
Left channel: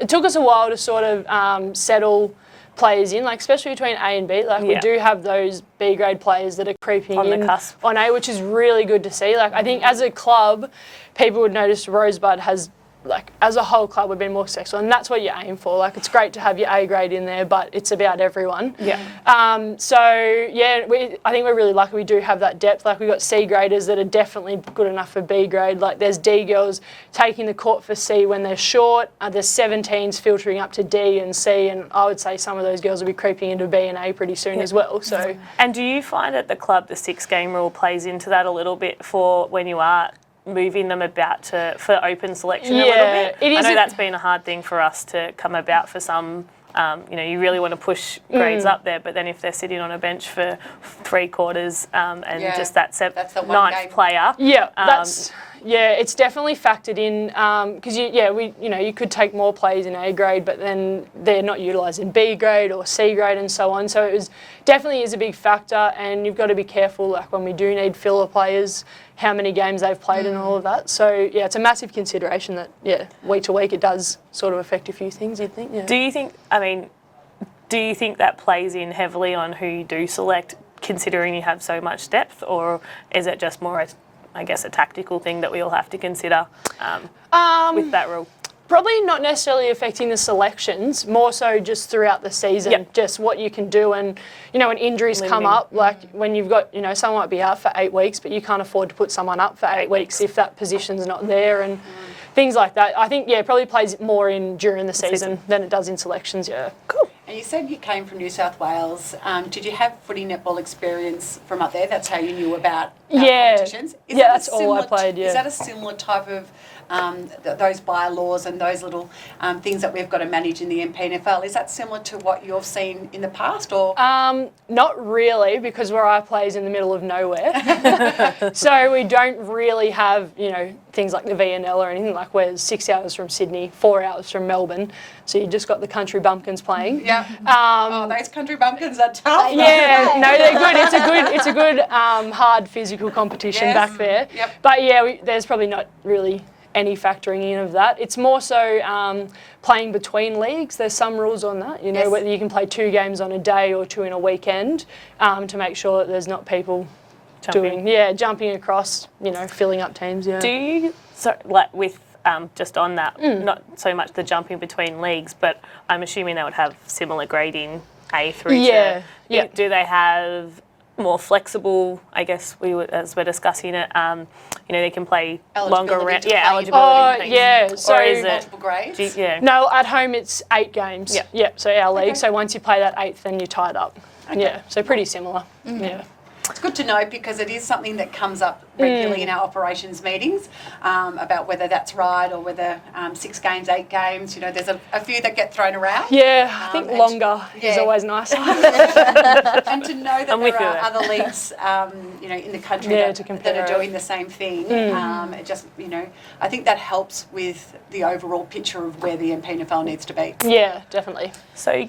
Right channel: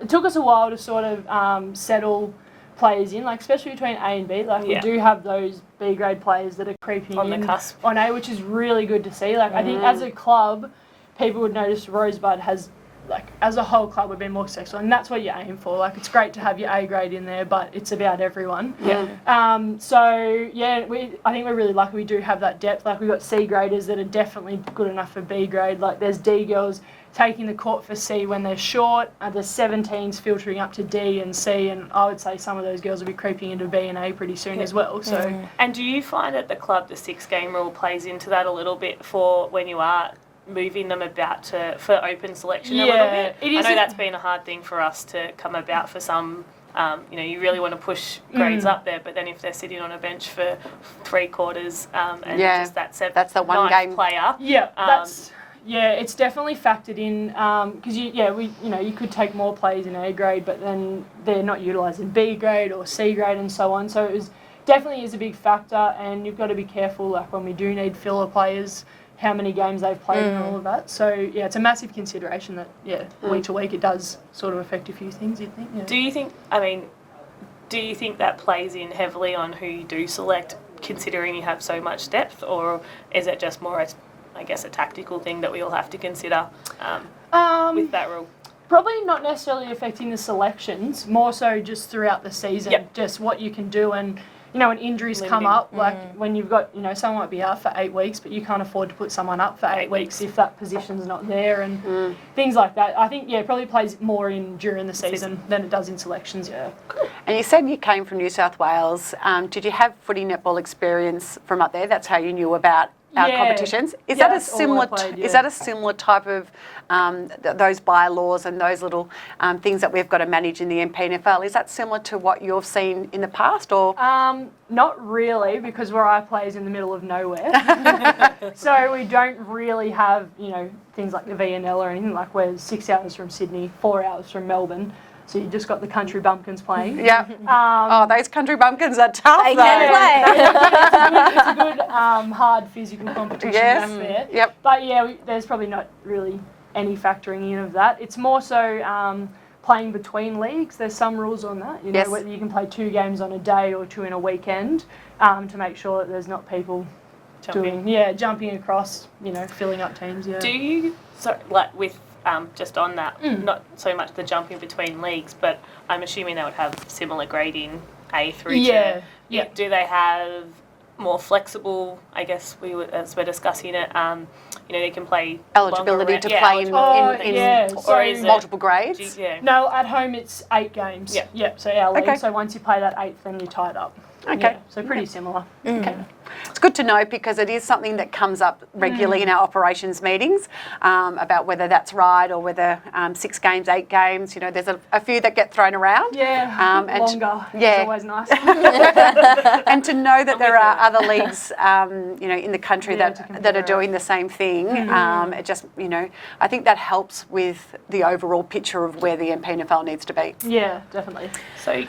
It took us a while to sort of settle players in, especially between A and B. We do have those B grade players that are creeping on in the cusp on A, which is really good to see. I think as a club, people would notice Rosebud has, as a whole club, we've been more successful, and that's what you aim for. It's great to have your A grade in there, but it's about everyone. I think we're really lucky we do have that depth. We've got C graders that are definitely good enough for B grade. There's D girls taking the court for C when they're short. There's 17s filtering up to D and C, and I would say some of those girls will be creeping into B and A pretty soon as well. So. And do you find at the club the 6-game rule plays into that a little bit for when you are moving them about for open selection a little bit? I know that's been a hard thing for us to come about for some. You really want to push grades up there, but then if they're sitting on a bench for 3 quarters and just that's the one ninth player. It's definitely factored in because you could take more players in A grade, but then they're not utilised in B grade or C grade and so on. So it definitely is a big factor, and you've got to be careful when we do need filler players, how many games they've played and all of that. So it's a massive consideration that week to week it does sort of affect a few things, you'd think. Yeah. Do you think that plays in heavily on who you do select, considering you have so much depth, or is it just more a tactical thing that we all have to consider with that rule? Probably not necessarily affecting the selections, more so just throughout the season, just what you can do. And, when injuries come up, when you've got, someone might be out for 8 weeks, but you can't afford to put someone up for 8 weeks if that position's not there and things like that. I think, probably plays more in during the season than it does in selections, Cool. And you said you came from New South Wales. Did you have footy netball experience from up there? That's how you knew about our competitions? Is that a similar type of those bylaws and those little things that we've got to manage in the MPNFL. Is that similar to what you've seen in the past, or? Not really, because where I play is in the middle of nowhere. So we don't really have, things like the VNL or anything. Like we're 6 hours from Sydney, 4 hours from Melbourne. So you just got the country bumpkins playing. Yeah. Those country bumpkins are tough. Yeah, no, they're good. It's a good hard physical competition back there. Yep. But yeah, there's probably not really any factoring in of that. It's more so playing between leagues. There's some rules on that. Whether you can play 2 games on a day or 2 in a weekend, to make sure that there's not people jumping across, filling up teams. Yeah. Do you with just on that, not so much the jumping between leagues, but I'm assuming they would have similar grading A through to. Yeah. Do they have more flexible? I guess as we're discussing it, they can play Eligibility longer. to play in so is it multiple grades. No, at home it's 8 games. Yep. So our league. Okay. So once you play that 8th, then you're tied up. Okay. Yeah. So pretty similar. Yeah. It's good to know because it is something that comes up regularly in our operations meetings about whether that's right or whether 6 games, 8 games. There's a few that get thrown around. Yeah, I think longer is always nice. And to know that there are other leagues, in the country that are doing the same thing, it just, I think that helps with the overall picture of where the MPNFL needs to be. Yeah, definitely. So.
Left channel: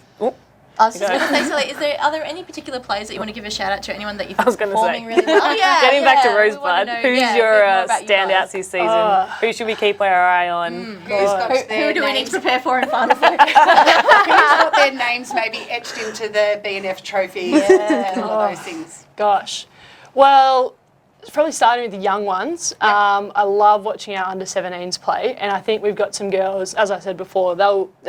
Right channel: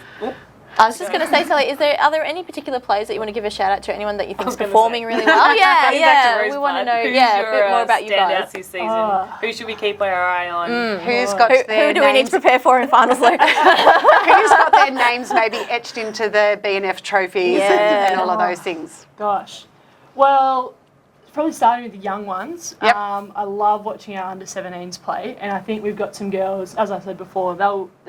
I was just going to say, Sally, are there any particular players that you want to give a shout out to? Anyone that you think is performing really well? Getting back to Rosebud, who's your standouts this season? Who should we keep our eye on? Who's got their who do we need to prepare for in finals? Who's got their names maybe etched into the BNF trophies and all of those things? Gosh. Well, it's probably starting with the young ones. Yep. I love watching our under-17s play, and I think we've got some girls, as I said before,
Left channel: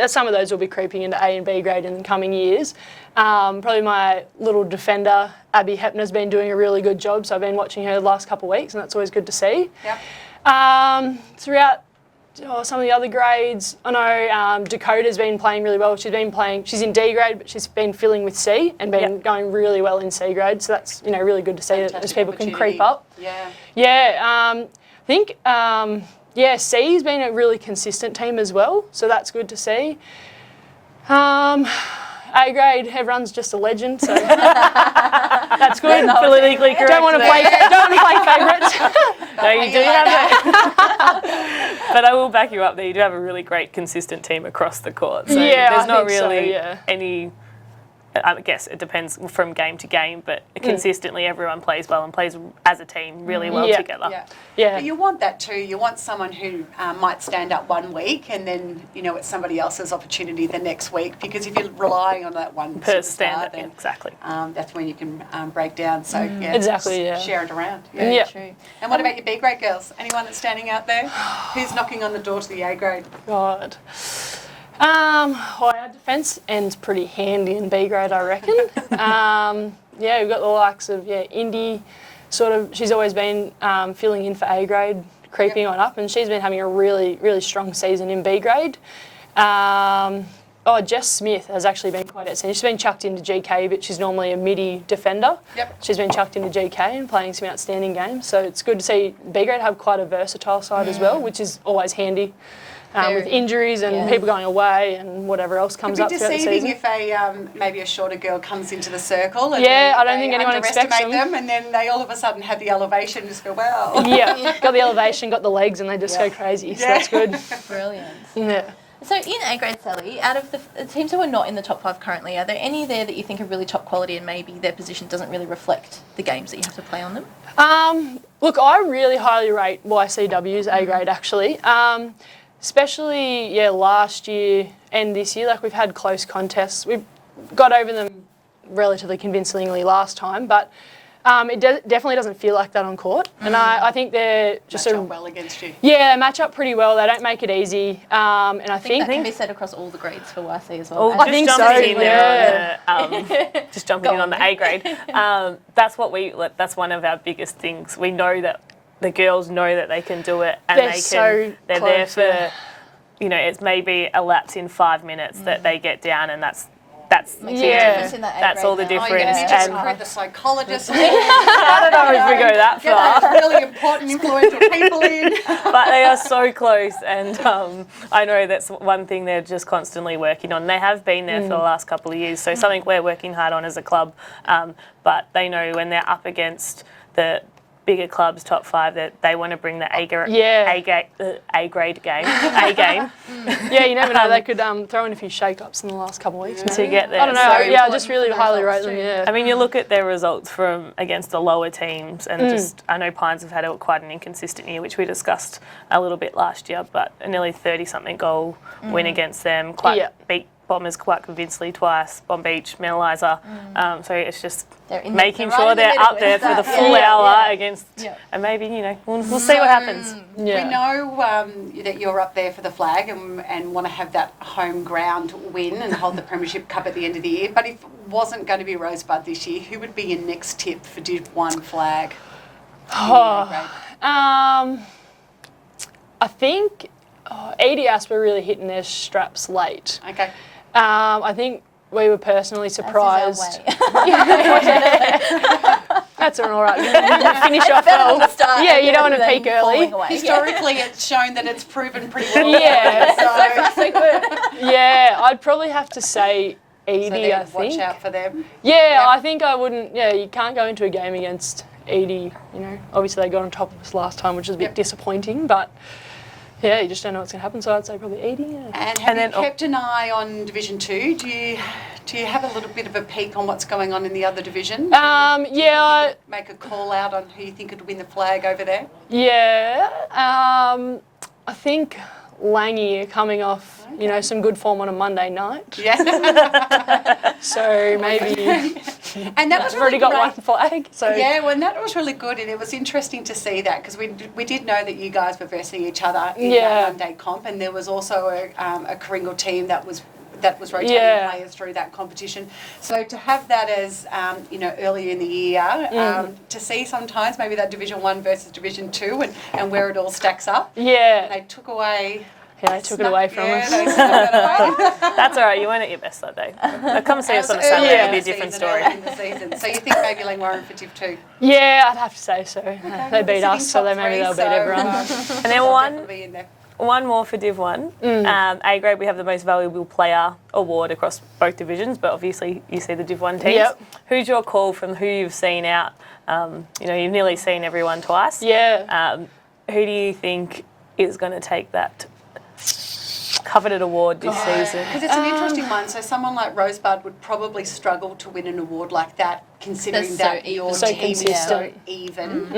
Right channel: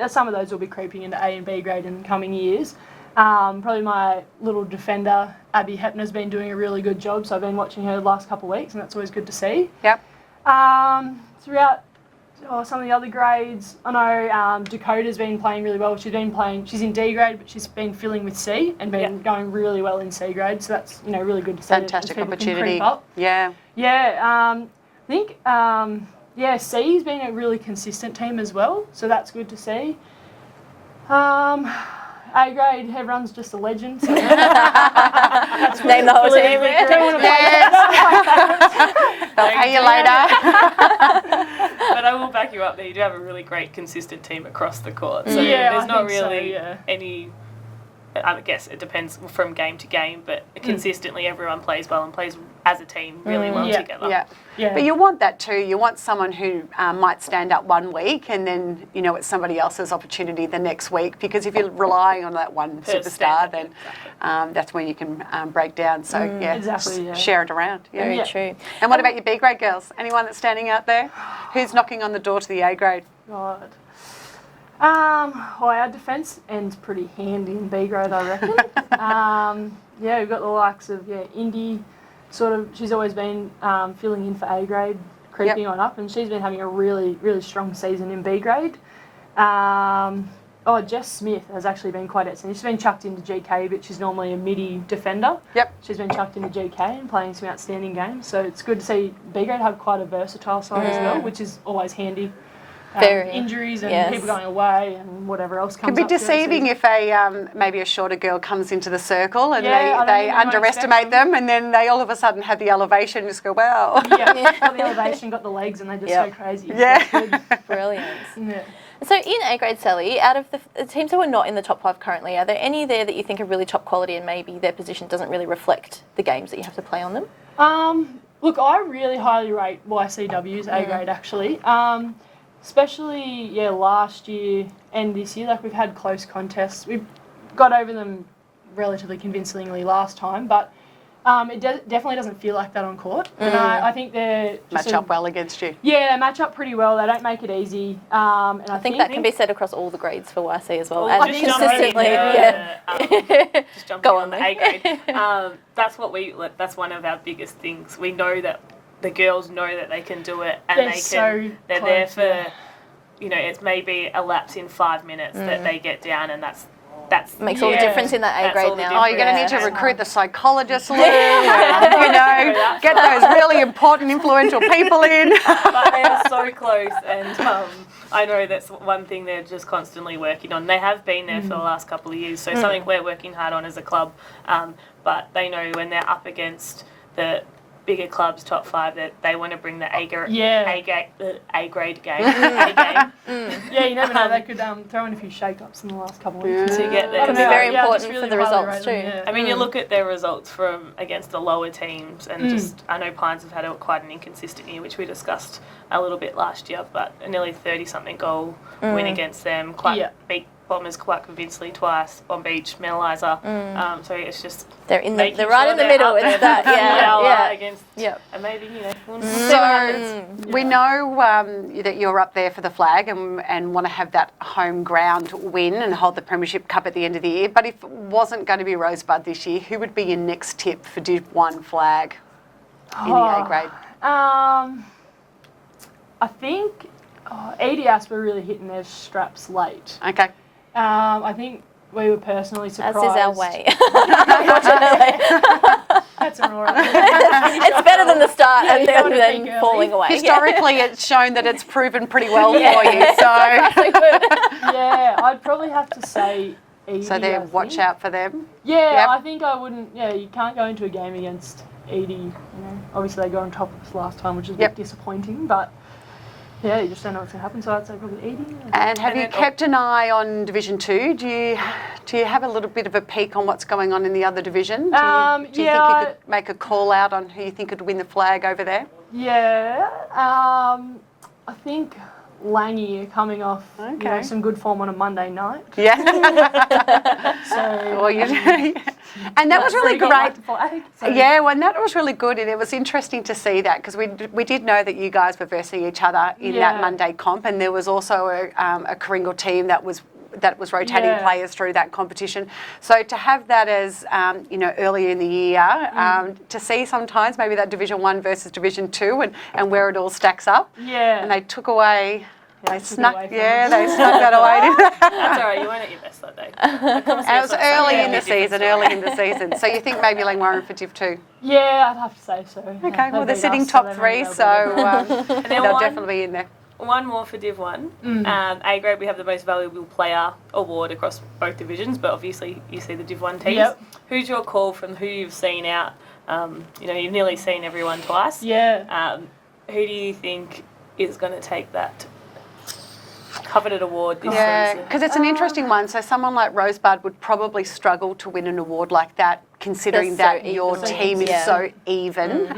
some of those will be creeping into A and B grade in the coming years. Probably my little defender, Abby Hepner's been doing a really good job, so I've been watching her the last couple of weeks, and that's always good to see. Yep. Throughout some of the other grades, I know Dakota's been playing really well. She's in D grade, but she's been filling with C and been going really well in C grade. So that's really good to see that as people can creep up. Yeah. Yeah. I think C's been a really consistent team as well. So that's good to see. A grade, everyone's just a legend. So that's good. Don't want to play favourites. I'll pay you later. But I will back you up there. You do have a really great, consistent team across the court. So there's not really any. I guess it depends from game to game, but consistently everyone plays well and plays as a team really well together. Yeah. But you want that too. You want someone who might stand up one week and then, it's somebody else's opportunity the next week, because if you're relying on that one superstar, then that's when you can break down. So, share it around. Yeah, true. And what about your B grade girls? Anyone that's standing out there? Who's knocking on the door to the A grade? God. Our defence ends pretty handy in B grade, I reckon. We've got the likes of Indy. She's always been filling in for A grade, creeping on up, and she's been having a really, really strong season in B grade. Jess Smith has actually been quite outstanding. She's been chucked into GK, but she's normally a midi defender. Yep. She's been chucked into GK and playing some outstanding games. So it's good to see B grade have quite a versatile side as well, which is always handy. With injuries and people going away and whatever else comes up. It can be deceiving if maybe a shorter girl comes into the circle and they underestimate them, and then they all of a sudden have the elevation and just go, wow. Yeah, got the elevation, got the legs, and they just go crazy. So that's good. Brilliant. Yeah. So in A grade, Sally, out of the teams who are not in the top 5 currently, are there any there that you think are really top quality and maybe their position doesn't really reflect the games that you have to play on them? Look, I really highly rate YCW's A grade actually. Especially, last year and this year, we've had close contests. We've got over them relatively convincingly last time, but it definitely doesn't feel like that on court. And I think they're just match up well against you. Yeah, they match up pretty well. They don't make it easy. And I think that can be said across all the grades for YC as well. I think so. Just jumping in on the A grade. That's one of our biggest things. We know that the girls know that they can do it, and they're there for, it's maybe a lapse in 5 minutes that they get down, and that's that's Makes all the difference in that A that's grade all the now. difference. Oh, you're going to need to recruit the psychologist. I don't know if we go that Get far. those really important, influential people in. But they are so close, and I know that's one thing they're just constantly working on. They have been there for the last couple of years, so something we're working hard on as a club. But they know when they're up against the bigger clubs, top 5, that they want to bring the A grade game. A game. Yeah, you never know. They could throw in a few shake-ups in the last couple of weeks. to get there. I don't know. very Yeah, I important just really for the highly results rate them. too. Yeah. I mean, you look at their results from against the lower teams, and just I know Pines have had quite an inconsistent year, which we discussed a little bit last year, but a nearly 30-something goal win against them. Beat Bombers quite convincingly twice. Bomb Beach, Millalizer. So it's just They're in making they're sure right in the they're middle. up there It's for that, the full yeah, hour yeah. against, Yeah. and maybe we'll see what happens. We know that you're up there for the flag and want to have that home ground win and hold the Premiership Cup at the end of the year. But if it wasn't going to be Rosebud this year, who would be your next tip for Div 1 flag in the A grade? I think EDS were really hitting their straps late. Okay. I think we were personally surprised. As is our way. That's all right. Finish It's off better than the start. Yeah, and you then- don't want to then peak early. falling away. Historically, it's shown that it's proven pretty well for Yeah. you. So, Yeah, I'd probably have to say Edie, so I then think. watch out for them. Yeah, Yep. I think I wouldn't. Yeah, you can't go into a game against Edie. You know, obviously they got on top of us last time, which is a bit Yep. disappointing. But yeah, you just don't know what's going to happen. So I'd say probably Edie. Yeah. And have And you then- kept an eye on Division 2? Do you have a little bit of a peek on what's going on in the other division? Do you think you could make a call out on who you think could win the flag over there? Yeah, I think Langy are coming off, Okay. some good form on a Monday night. Yeah. So maybe And that was really got great. like the flag. So Yeah, well, that was really good, and it was interesting to see that because we did know that you guys were versing each other in that Yeah. Monday comp, and there was also a Kringle team that was rotating Yeah. players through that competition. So to have that as earlier in the year, to see sometimes maybe that Division 1 versus Division 2 and where it all stacks up, yeah, and they took away. yeah, they took it away from Yeah, us. they snuck that away. That's all right. You weren't at your best that day. Come see It us was on Sunday. early it'll in be the a different season. story. Early in the season. So you think maybe Langwarrin for Div 2? Yeah, I'd have to say so. Okay, They well, they're beat sitting us, so top they maybe 3, they'll so beat everyone. And then they'll one definitely be in there. One more for Div 1. A grade, we have the most valuable player award across both divisions, but obviously you see the Div 1 teams. Yep. Who's your call from who you've seen out? You've nearly seen everyone twice. Yeah. Who do you think is going to take that coveted award this season? Because it's an interesting one. So someone like Rosebud would probably struggle to win an award like that, considering They're so that your So team is so even.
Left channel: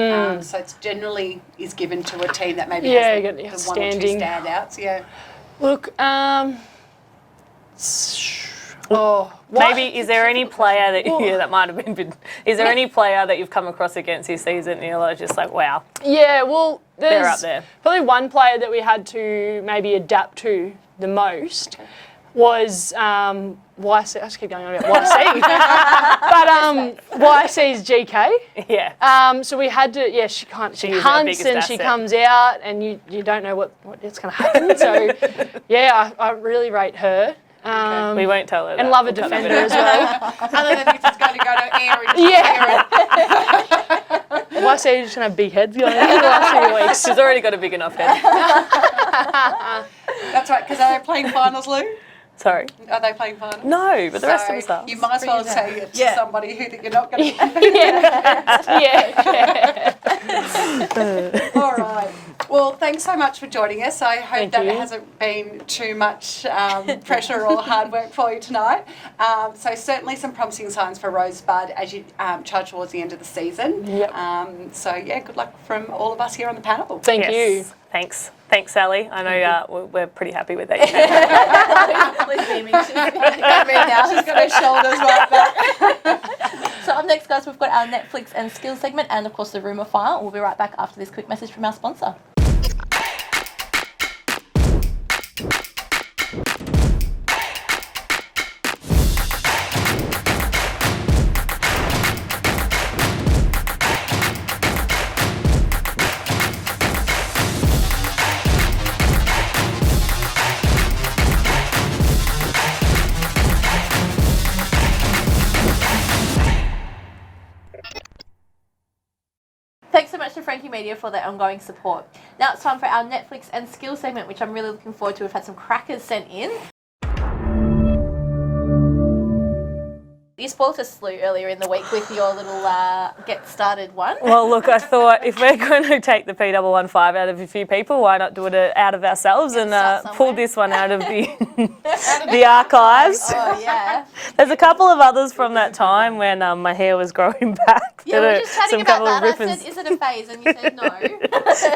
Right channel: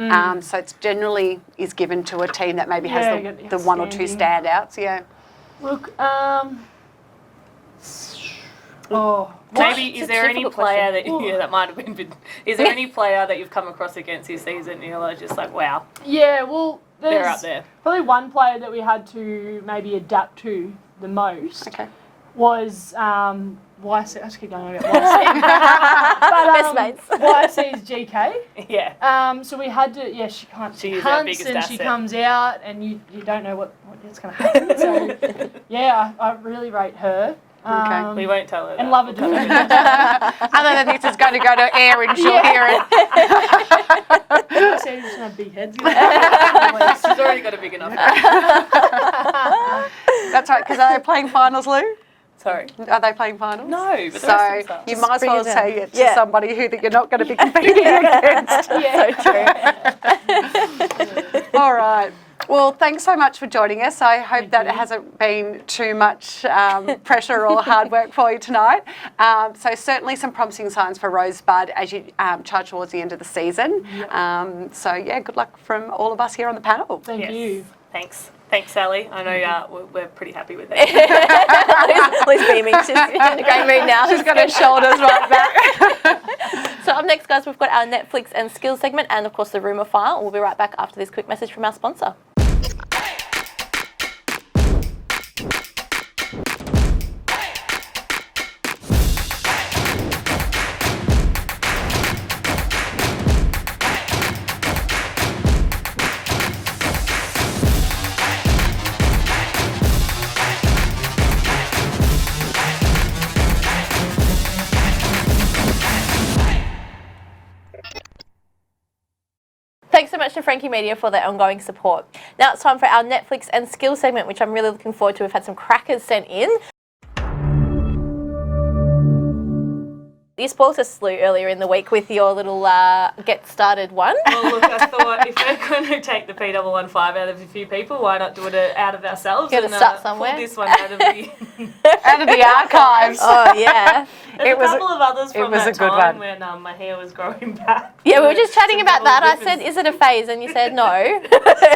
So it's generally is given to a team that maybe Yeah, has you the got one or two standing. standouts. Yeah. Look, Maybe is there any difficult player that might have been? Is there any player that you've come across against this season and you're just like, wow, yeah, well, they're there's up there? probably one player that we had to maybe adapt to the most Okay. was YC. I just keep going on about YC. But YC's GK. Yeah. So we had to, she She's our hunts biggest and she asset. comes out and you don't know what it's going to happen. So, I really rate her. We won't tell her. And that. love a defender as well. Other than this is going to go to air and she'll hear it. YC is just going to have big heads going on the last few weeks. She's already got a big enough head. That's right. Because are they playing finals, Lou? Sorry. Are they playing finals? No, but the rest of us So are. you might as well say it to Yeah. somebody who that you're not going to be competing against. Yeah. All right. Well, thanks so much for joining us. I hope Thank that you. it hasn't been too much pressure or hard work for you tonight. So certainly some promising signs for Rosebud as you charge towards the end of the season. Yep. So yeah, good luck from all of us here on the panel. Thank Yes. you. Thanks. Thanks, Sally. I know we're pretty happy with that. Liz beaming. She's going to move now. She's got her shoulders right back. So up next, guys, we've got our Netflix and skills segment and, of course, the rumour file. We'll be right back after this quick message from our sponsor. Thanks so much to Frankie Media for their ongoing support. Now it's time for our Netflix and skill segment, which I'm really looking forward to. We've had some crackers sent in. You spoiled us, Lou, earlier in the week with your little get started one. Well, look, I thought if we're going to take the P115 out of a few people, why not do it out of ourselves and pull this one out of the archives? Oh, yeah. There's a couple of others from that time when my hair was growing back. Yeah, we were just chatting about that. I said, is it a phase? And you said no.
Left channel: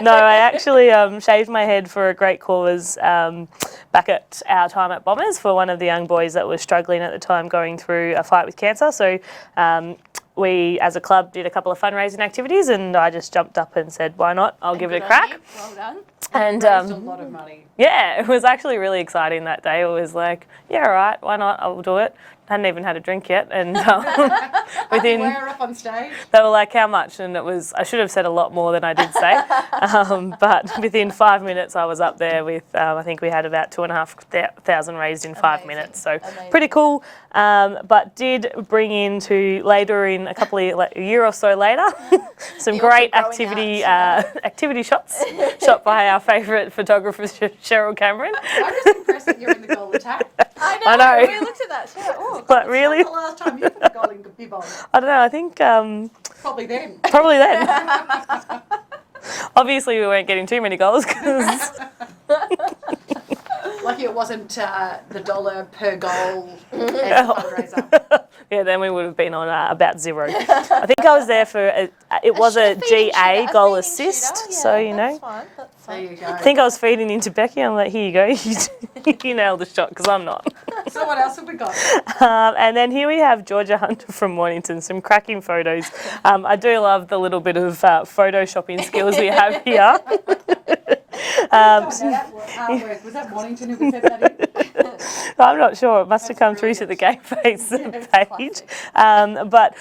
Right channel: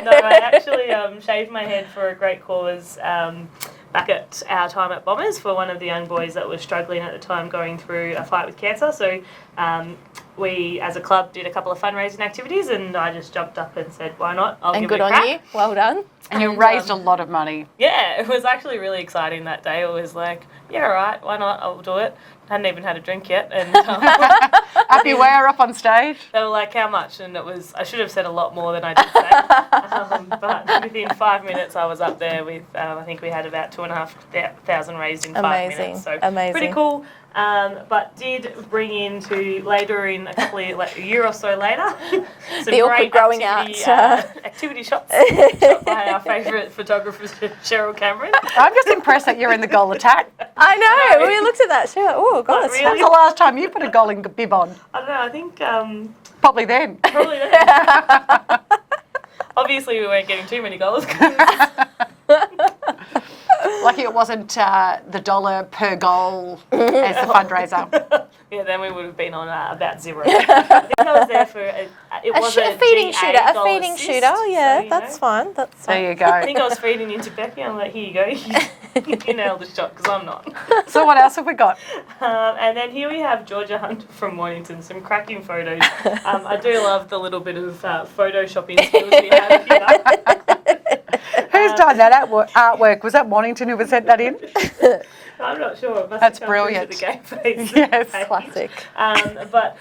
No, I actually shaved my head for a great cause back at our time at Bombers for one of the young boys that was struggling at the time going through a fight with cancer. So we, as a club, did a couple of fundraising activities, and I just jumped up and said, why not? I'll give it a crack. And good on you. Well done. And you raised a lot of money. Yeah, it was actually really exciting that day. It was like, yeah, all right, why not? I'll do it. I hadn't even had a drink yet, and Up you were up on stage. They were like, how much? And it was, I should have said a lot more than I did say. But within 5 minutes, I was up there with, I think we had about 2,500 raised in 5 minutes. So pretty cool. But did bring into later in a year or so later, some great activity shots shot by our favourite photographer, Cheryl Cameron. I'm just impressed that you're in the goal attack. I know. We looked at that. She was like, oh, God. Really? When's the last time you put a goal in bib on? I don't know. I think Probably then. Probably then. Obviously, we weren't getting too many goals because. Lucky it wasn't the $1 per goal as the fundraiser. Yeah, then we would have been on about zero. I think I was there for it was a GA goal assist. Shooter. Yeah, so, that's fine. That's fine. There you go. I think I was feeding into Becky. I'm like, here you go. You nailed the shot because I'm not. So what else have we got? And then here we have Georgia Hunter from Mornington. Some cracking photos. I do love the little bit of photoshopping skills we have here. Who's done that artwork? Was that Mornington who sent that in? I'm not sure. It must have come brilliant. through to the GameFace Yes, page. But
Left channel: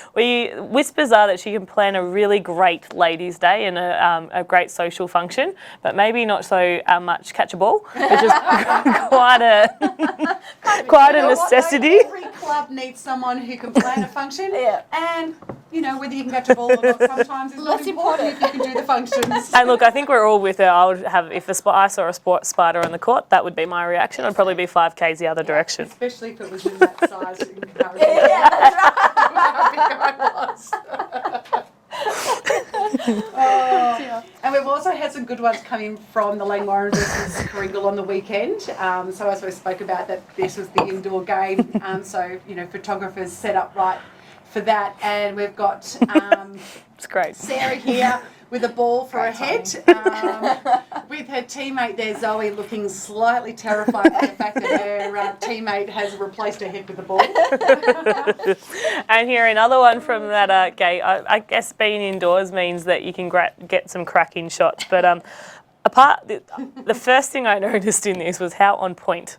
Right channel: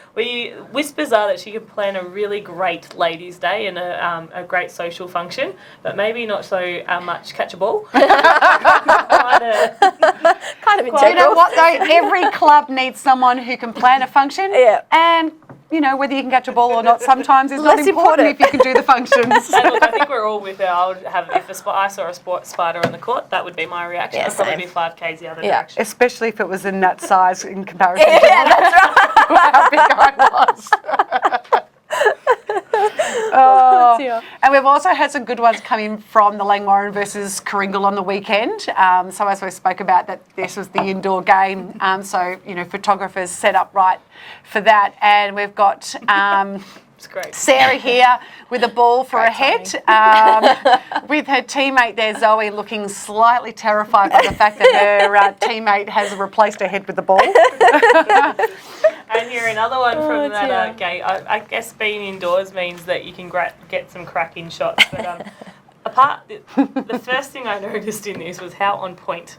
whispers are that she can plan a really great ladies' day and a great social function, but maybe not so much catch a ball, which is quite a necessity. Every club needs someone who can plan a function. Yeah. And whether you can catch a ball or not sometimes is not important if you can do the functions. And look, I think we're all with her. I would have, if I saw a spider on the court, that would be my reaction. Yeah, I'd probably be 5Ks the other direction. Especially if it was in that size in comparison to that's right. how big I was. And we've also had some good ones coming from the Langwarrin versus Coringal on the weekend. So as we spoke about, that this was the indoor game. So photographers set up right for that, and we've got It's great. Sarah here with a ball for a head, with her teammate there, Zoe, looking slightly terrified by the fact that her teammate has replaced her head with the ball. And here another one from that gate. I guess being indoors means that you can get some cracking shots, but the first thing I noticed in this was how on point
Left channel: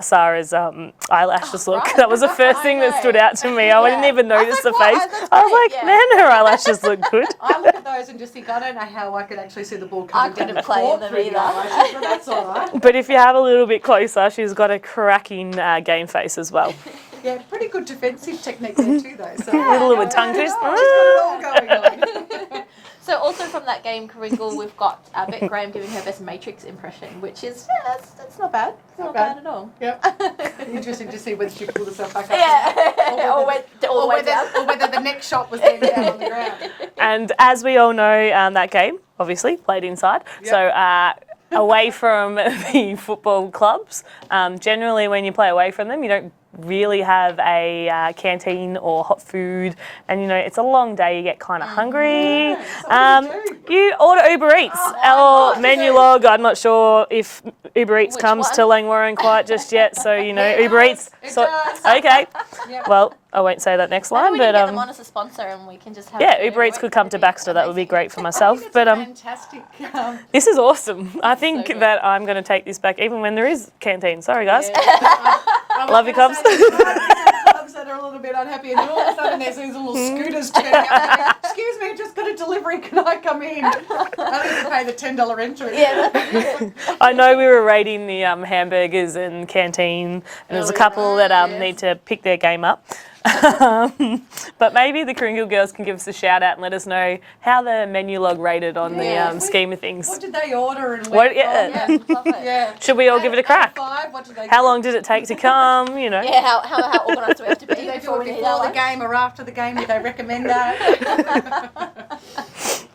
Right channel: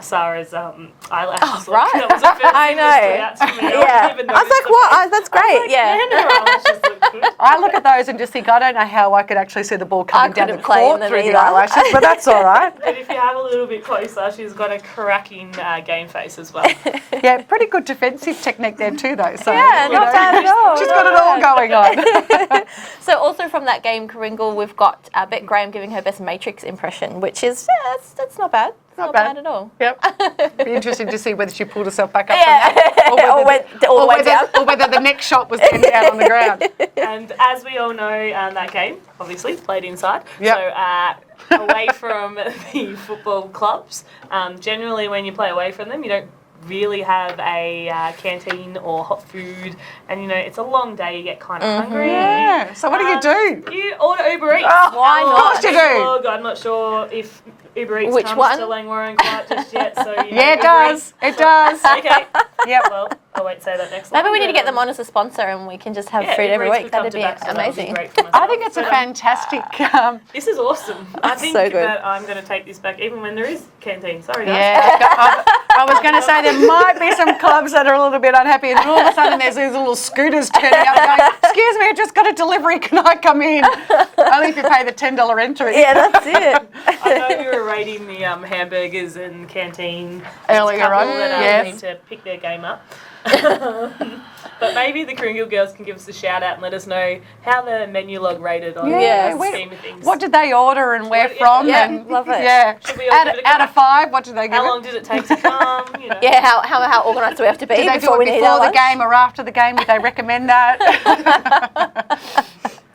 Sarah's eyelashes look. Right. That was the first thing that stood out to me. I didn't even notice the face. That's great. I was like, man, her eyelashes look good. I look at those and just think, I don't know how I could actually see the ball coming down the court through the eyelashes, but that's all right. But if you have a little bit closer, she's got a cracking game face as well. Yeah, pretty good defensive technique there too, though. So not bad at all. She's got it all going on. So also from that game, Coringal, we've got Beck Graham giving her best Matrix impression, which is, that's not bad. Not bad at all. Yep. Be interesting to see whether she pulled herself back up or went all the way down. Or whether the next shot was then down on the ground. And as we all know, that game, obviously, played inside. Yep. So away from the football clubs, generally when you play away from them, you don't really have a canteen or hot food, and it's a long day. You get kind of hungry. Yeah. So what do? You order Uber Eats. Of course you Menu do. log. I'm not sure if Uber Eats Which comes one? to Langwarrin quite just yet. So Yeah, it Uber does. Eats. It does. Okay. Yep. Well, I won't say that next line. Maybe we need to but, get them on as a sponsor, and we can just have Yeah, food Uber every Eats week. could come to That'd be Baxter. That would be amazing. great for myself. I think it's a fantastic. This is awesome. I think so good. that I'm going to take this back, even when there is canteen. Sorry, guys. Yeah, I was Love going your to say clubs. there might be some clubs that are a little bit unhappy, and then all of a sudden there's these little scooters turning up going, excuse me, I just got a delivery, can I come in? Only if you pay the $10 entry. Yeah, that's it. I know we were rating the hamburgers and canteen. There's a Earlier couple on, that yes. need to pick their game up. But maybe the Kringle girls can give us a shout out and let us know how the menu log rated on the scheme of things. What did they order and where from? Yeah, and- love it. Yeah. Should we all give it a Out crack? of 5, what did they give How it? long did it take to come? You know. Yeah, how organised do we have to be Did they do before we it need our before the lunch? game or after the game? Did they recommend that?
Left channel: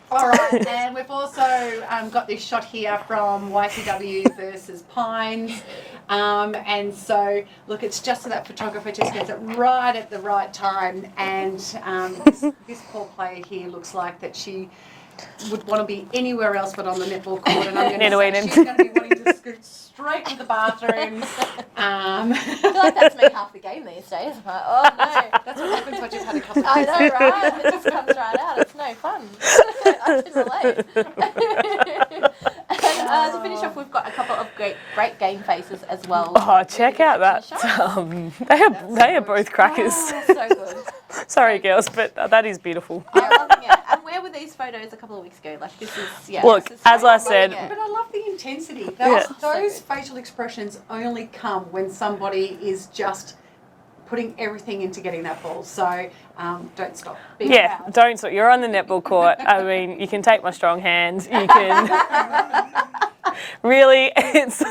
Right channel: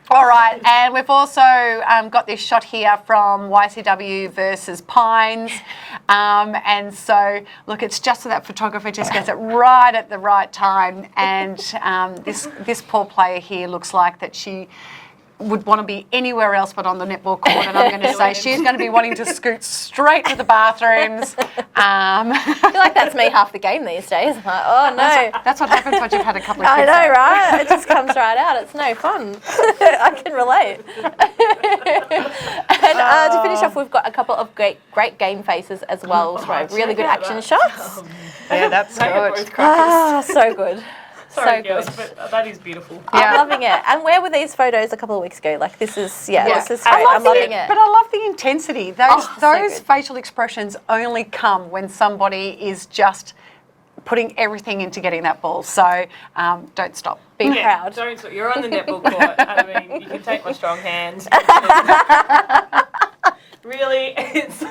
All right, and we've also got this shot here from YCW versus Pines. And so, look, it's just so that photographer just gets it right at the right time. And this poor player here looks like that she would want to be anywhere else but on the netball court. And I'm going to say she's going to be wanting to scoot straight to the bathrooms. I feel like that's me half the game these days. I'm like, oh no. That's what happens when you've had a couple of I kids. know, right? It just comes right out. It's no fun. I can relate. And to finish off, we've got a couple of great game faces as well. Really good action shots. They are both crackers. So good. Sorry, so girls, good. but that is beautiful. I'm loving it. And where were these photos a couple of weeks ago? Like this is, this is as great. I I'm loving said, it. But I love the intensity. Those so good. facial expressions only come when somebody is just putting everything into getting that ball. So don't stop. Be proud. Don't. So you're on the netball court. I mean, you can take my strong hand. You can. Really, it's.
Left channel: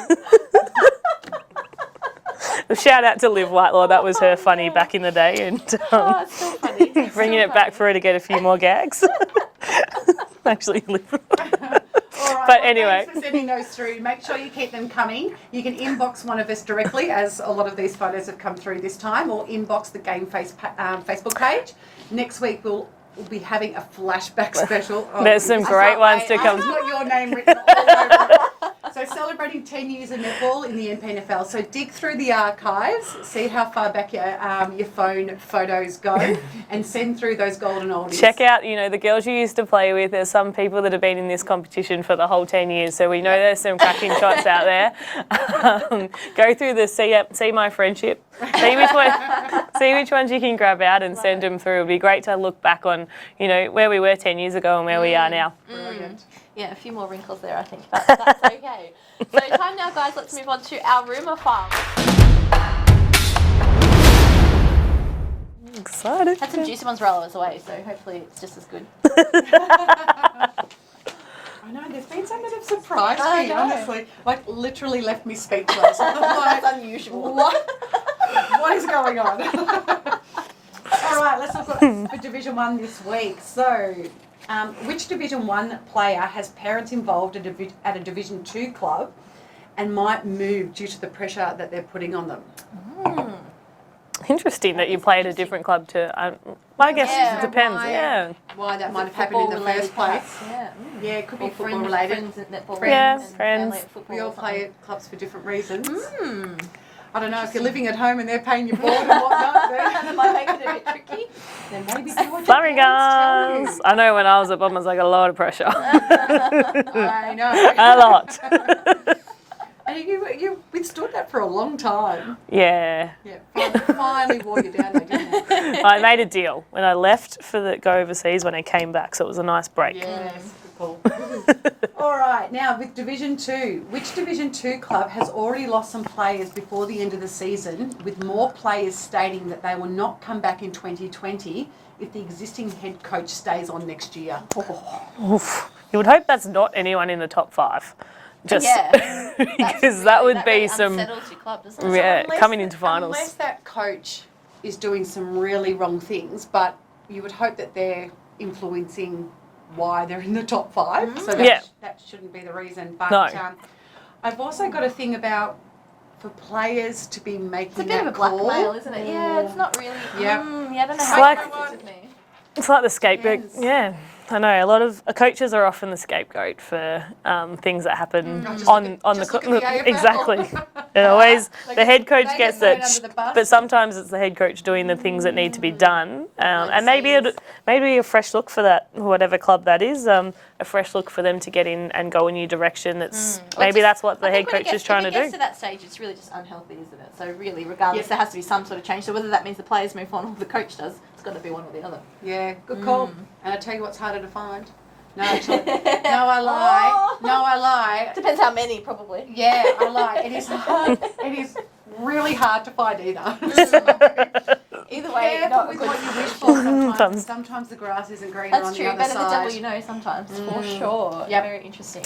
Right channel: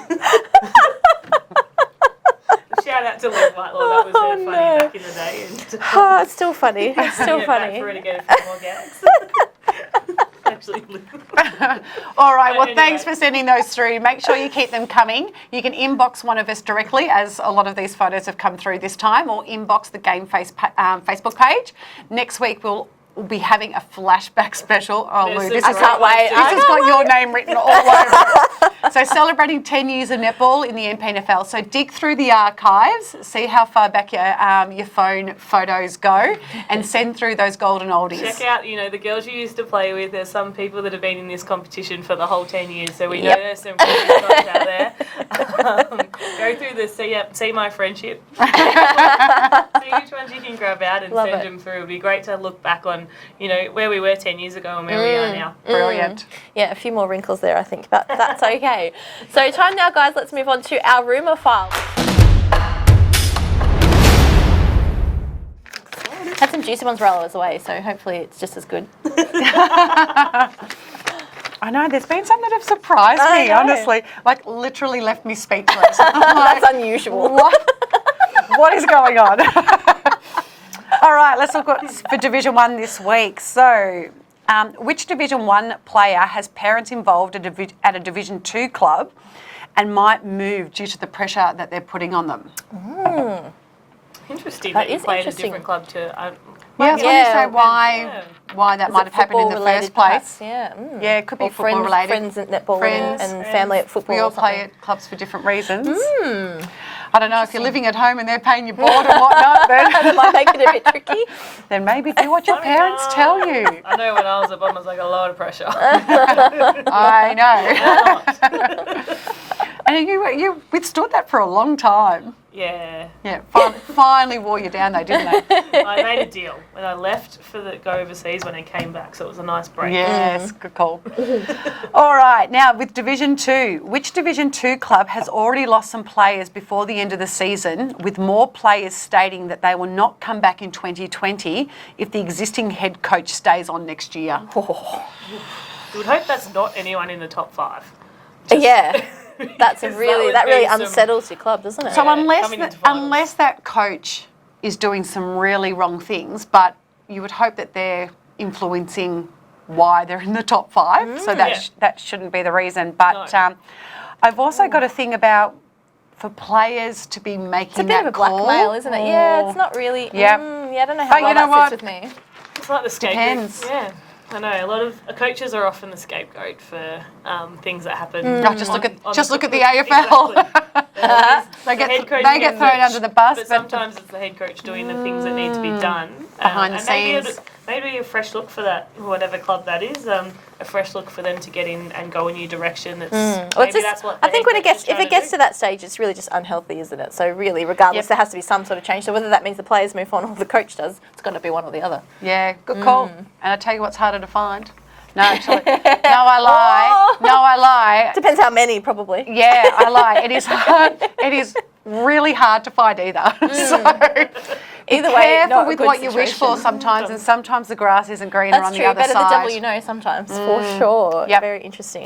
Shout out to Liv Whitelaw. That was her funny back in the day, and It's still funny. It's still bringing it funny. back for her to get a few more gags. Actually, Liv. All right, But well, anyway. thanks for sending those through. Make sure you keep them coming. You can inbox one of us directly, as a lot of these photos have come through this time, or inbox the GameFace Facebook page. Next week, we'll be having a flashback special. Oh, There's Lou, some this great ones to has come. got your name written all over it. So celebrating 10 years of netball in the MPNFL. So dig through the archives, see how far back your phone photos go, and send through those golden oldies. Check out, the girls you used to play with. There's some people that have been in this competition for the whole 10 years, so we know there's some cracking shots out there. Go through the See My Friendship. See which ones you can grab out and send them through. It'll be great to look back on, where we were 10 years ago and where we are now. Brilliant. Yeah, a few more wrinkles there, I think, but that's okay. So time now, guys, let's move on to our rumour file. Excited. Had some juicy ones roll us away, so hopefully it's just as good. I know, there's been some that have surprised me, know. honestly. Like, literally left me speechless. I'm like, That's unusual. what is going on? All right, let's look for Division 1 this week. So, which Division 1 player has parents involved at a Division 2 club and might move due to the pressure that they're putting on them? Interesting That that you is play in a interesting. different club to. Yeah, I guess it depends. why that might have happened in the Football-related first place. perhaps, Yeah. Yeah, it could be Or football related. friends at netball Friends, and family at football. We all or something. play at clubs for different reasons. I don't know, if you're living at home and they're paying your board and whatnot, That might make it a bit tricky. then maybe do what your parents tell you. I know when I was at Bottom, I was like a lot of pressure. I know. A lot. And you withstood that for a long time. Yeah. Yeah, finally wore you down though, didn't they? I made a deal when I left for go overseas when I came back, so it was a nice break. Yes, good call. All right, now with Division 2, which Division 2 club has already lost some players before the end of the season, with more players stating that they will not come back in 2020 if the existing head coach stays on next year? You would hope that's not anyone in the top 5. Yeah, that's because really, that really some- unsettles your club, doesn't it? So Yeah, unless, coming into finals. unless that coach is doing some really wrong things, but you would hope that they're influencing why they're in the top 5. So that, Yeah. that shouldn't be the reason. But No. I've also got a thing about for players to be making It's a bit that of a call. blackmail, isn't it? Yeah, it's not really. Yep. Yeah, I don't know But how you well know that what? sits with me. It's like the scapegoat. Depends. Yeah. I know a lot of coaches are often the scapegoat for things that happen. Oh, just look at the AFL. Exactly. They're always They the get- head coach they get gets thrown it, under the bus, but but- sometimes it's the head coach doing the things that need to be done. Behind the And maybe scenes. maybe a fresh look for that, whatever club that is. A fresh look for them to get in and go a new direction. It's Well, maybe it's that's what the I think head when coach is trying if it gets to to that stage, it's really just unhealthy, isn't it? So really, regardless, there has to be some sort of change. So whether that means the players move on or the coach does, it's got to be one or the other. Yeah, good call. And I tell you what's harder to find. No, actually, no, I lie. No, I lie. Depends how many, probably. Yeah, I lie. It is hard. It is really hard to find either. So Either way, careful not a with good what you wish for sometimes, and sometimes the grass isn't greener That's on true. the other Better the side. devil you know sometimes, for sure. Yep. Very interesting.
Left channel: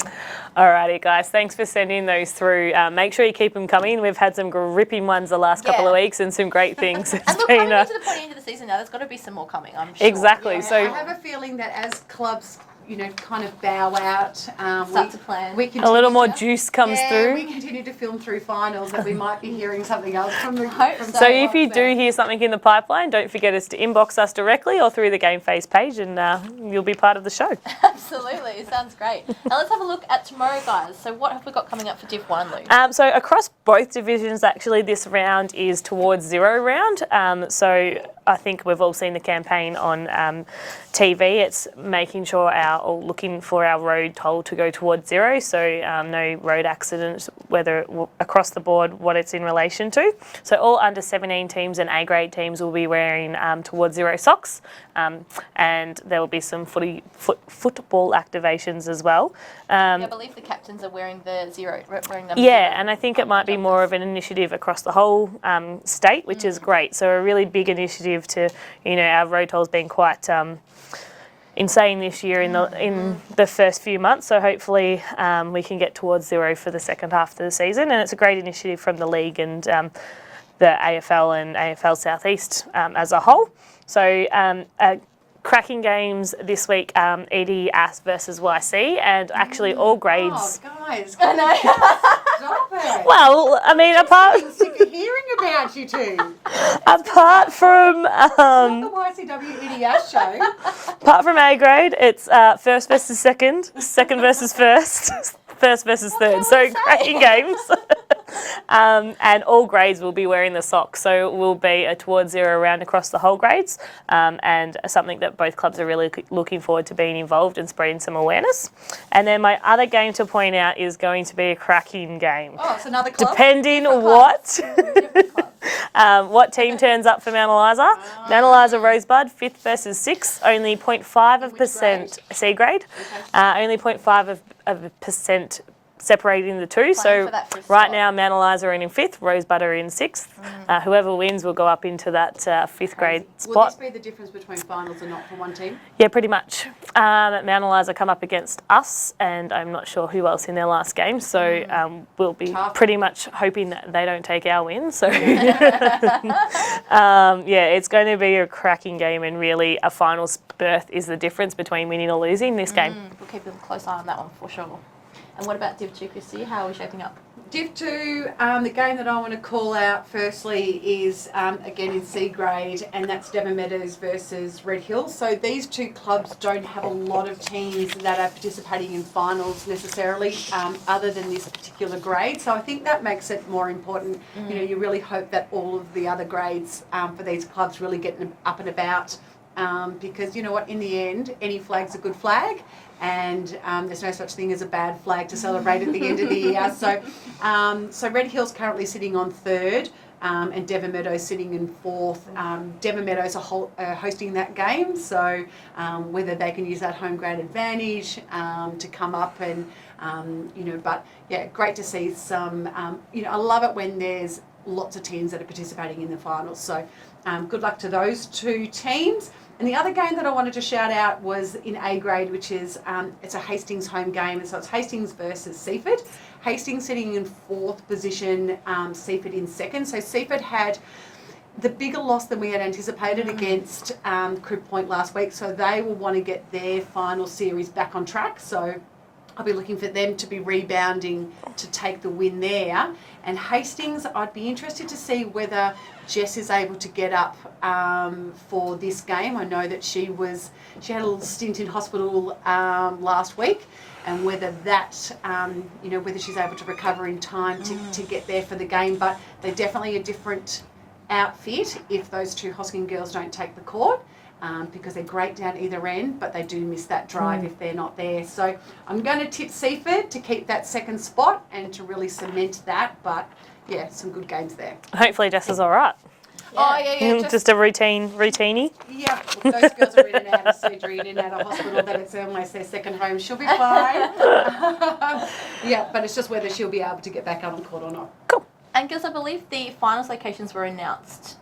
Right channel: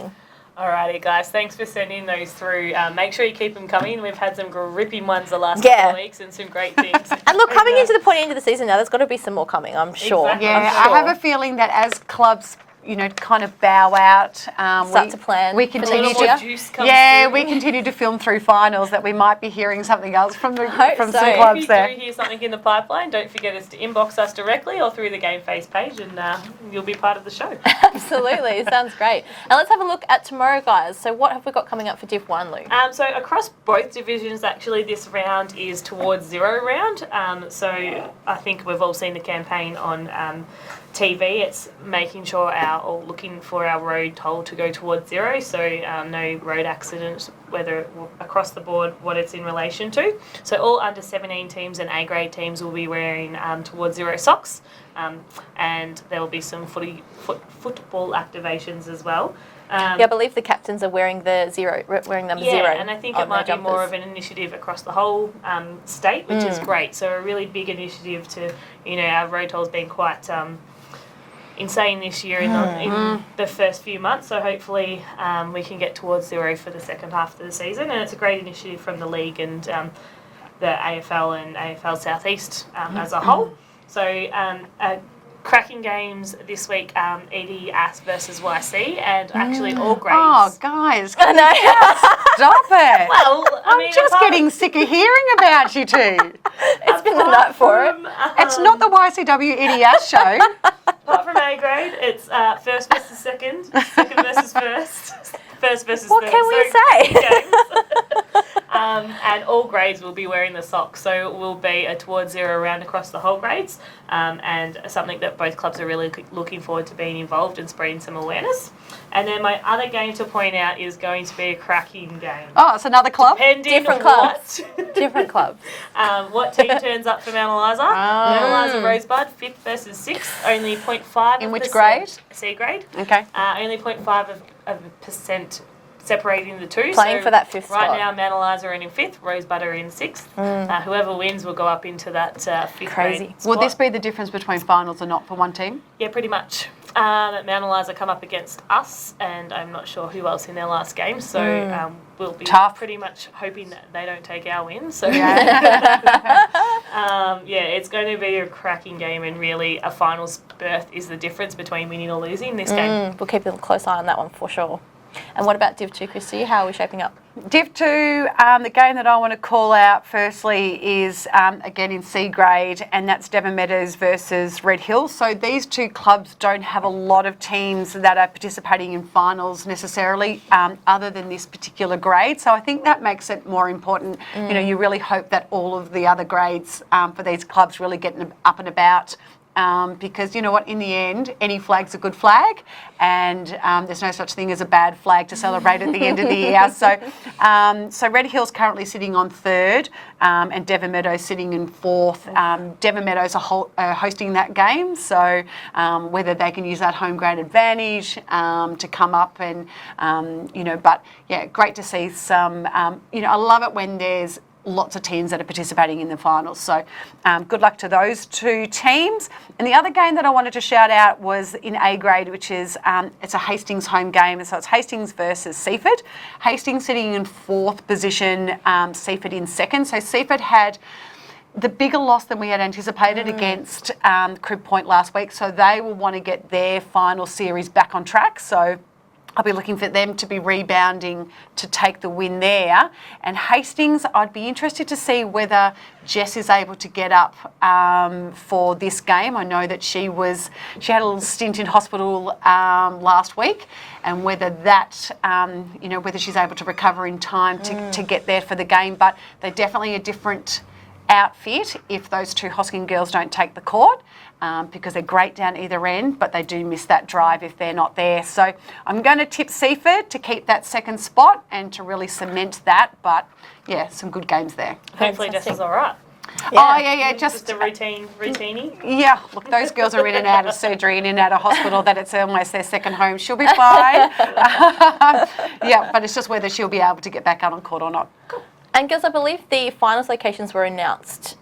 Alrighty, guys. Thanks for sending those through. Make sure you keep them coming. We've had some gripping ones the last couple of weeks and some great things. And look, coming into the point into the season now, there's got to be some more coming, I'm sure. Exactly. Yeah, So- I have a feeling that as clubs, you know, kind of bow out, Start to plan. We A continue a little more to, juice comes yeah, through. we continue to film through finals that we might be hearing something else from the Hope from so. some So if clubs you there. do hear something in the pipeline, don't forget us to inbox us directly or through the GameFace page, and you'll be part of the show. Absolutely. Sounds great. Now let's have a look at tomorrow, guys. So what have we got coming up for Div 1, Luke? So across both divisions, actually, this round is towards zero round. So I think we've all seen the campaign on TV. It's making sure or looking for our road toll to go towards zero. So no road accidents, whether across the board, what it's in relation to. So all under 17 teams and A grade teams will be wearing towards zero socks. And there will be some football activations as well. Yeah, I believe the captains are wearing the wearing number Yeah, zero. and I think on it might be their more of jumpers. an initiative across the whole state, which is great. So a really big initiative to, our road toll's been quite insane this year in the first few months. So hopefully we can get towards zero for the second half of the season. And it's a great initiative from the league and the AFL and AFL Southeast as a whole. So cracking games this week, ED Ass versus YC, and actually all grades. Oh, guys, stop it. Well, I mean, I'm just apart, getting sick of hearing about you two. apart from It's not the YCW EDS show. apart from A grade, it's first versus second, second versus first, first versus third. can we So say? cracking games. And all grades will be wearing the socks, so it will be a towards zero round across the whole grades, and something that both clubs are really looking forward to being involved and spreading some awareness. And then my other game to point out is going to be a cracking game. Oh, it's another club? Depending Different what Different clubs. what team turns up for Mount Eliza. Mount Eliza Rosebud, 5th versus 6th, only 0.5 In which grade? C grade. Okay. Only 0.5 of a percent separating the two. Playing so for that fifth right spot. now, Mount Eliza are in 5th, Rosebud are in 6th. Whoever wins will go up into that 5th Crazy. grade spot. Will this be the difference between finals and not for one team? Yeah, pretty much. Mount Eliza come up against us, and I'm not sure who else in their last game, so we'll be Tough. pretty much hoping that they don't take our win. So it's going to be a cracking game, and really a finals berth is the difference between winning or losing this game. We'll keep a close eye on that one for sure. And what about Div 2, Christy? How are we shaping up? Div 2, the game that I want to call out firstly is, again, in C grade, and that's Devon Meadows versus Red Hills. So these two clubs don't have a lot of teams that are participating in finals necessarily, other than this particular grade. So I think that makes it more important. You know, you really hope that all of the other grades for these clubs really get up and about. Because you know what, in the end, any flag's a good flag, and there's no such thing as a bad flag to celebrate at the end of the year. So Red Hills currently sitting on 3rd, and Devon Meadows sitting in 4th. Devon Meadows are hosting that game, so whether they can use that home ground advantage to come up and, but yeah, great to see some, I love it when there's lots of teams that are participating in the finals. So good luck to those two teams. And the other game that I wanted to shout out was in A grade, which is it's a Hastings home game. And so it's Hastings versus Seaford. Hastings sitting in 4th position, Seaford in 2nd. So Seaford had the bigger loss than we had anticipated against Crib Point last week. So they will want to get their final series back on track. So I'll be looking for them to be rebounding to take the win there. And Hastings, I'd be interested to see whether Jess is able to get up for this game. I know that she had a little stint in hospital last week, and whether that, whether she's able to recover in time to get there for the game. But they're definitely a different outfit if those two Hosking girls don't take the court. Because they're great down either end, but they do miss that drive if they're not there. So I'm going to tip Seaford to keep that 2nd spot and to really cement that. But yeah, some good games there. Hopefully Jess is all right. Oh, yeah, Just a routine-y. Yeah, look, those girls are in and out of surgery, in and out of hospital, that it's almost their second home. She'll be fine. Yeah, but it's just whether she'll be able to get back out on court or not. Cool. And girls, I believe the finals locations were announced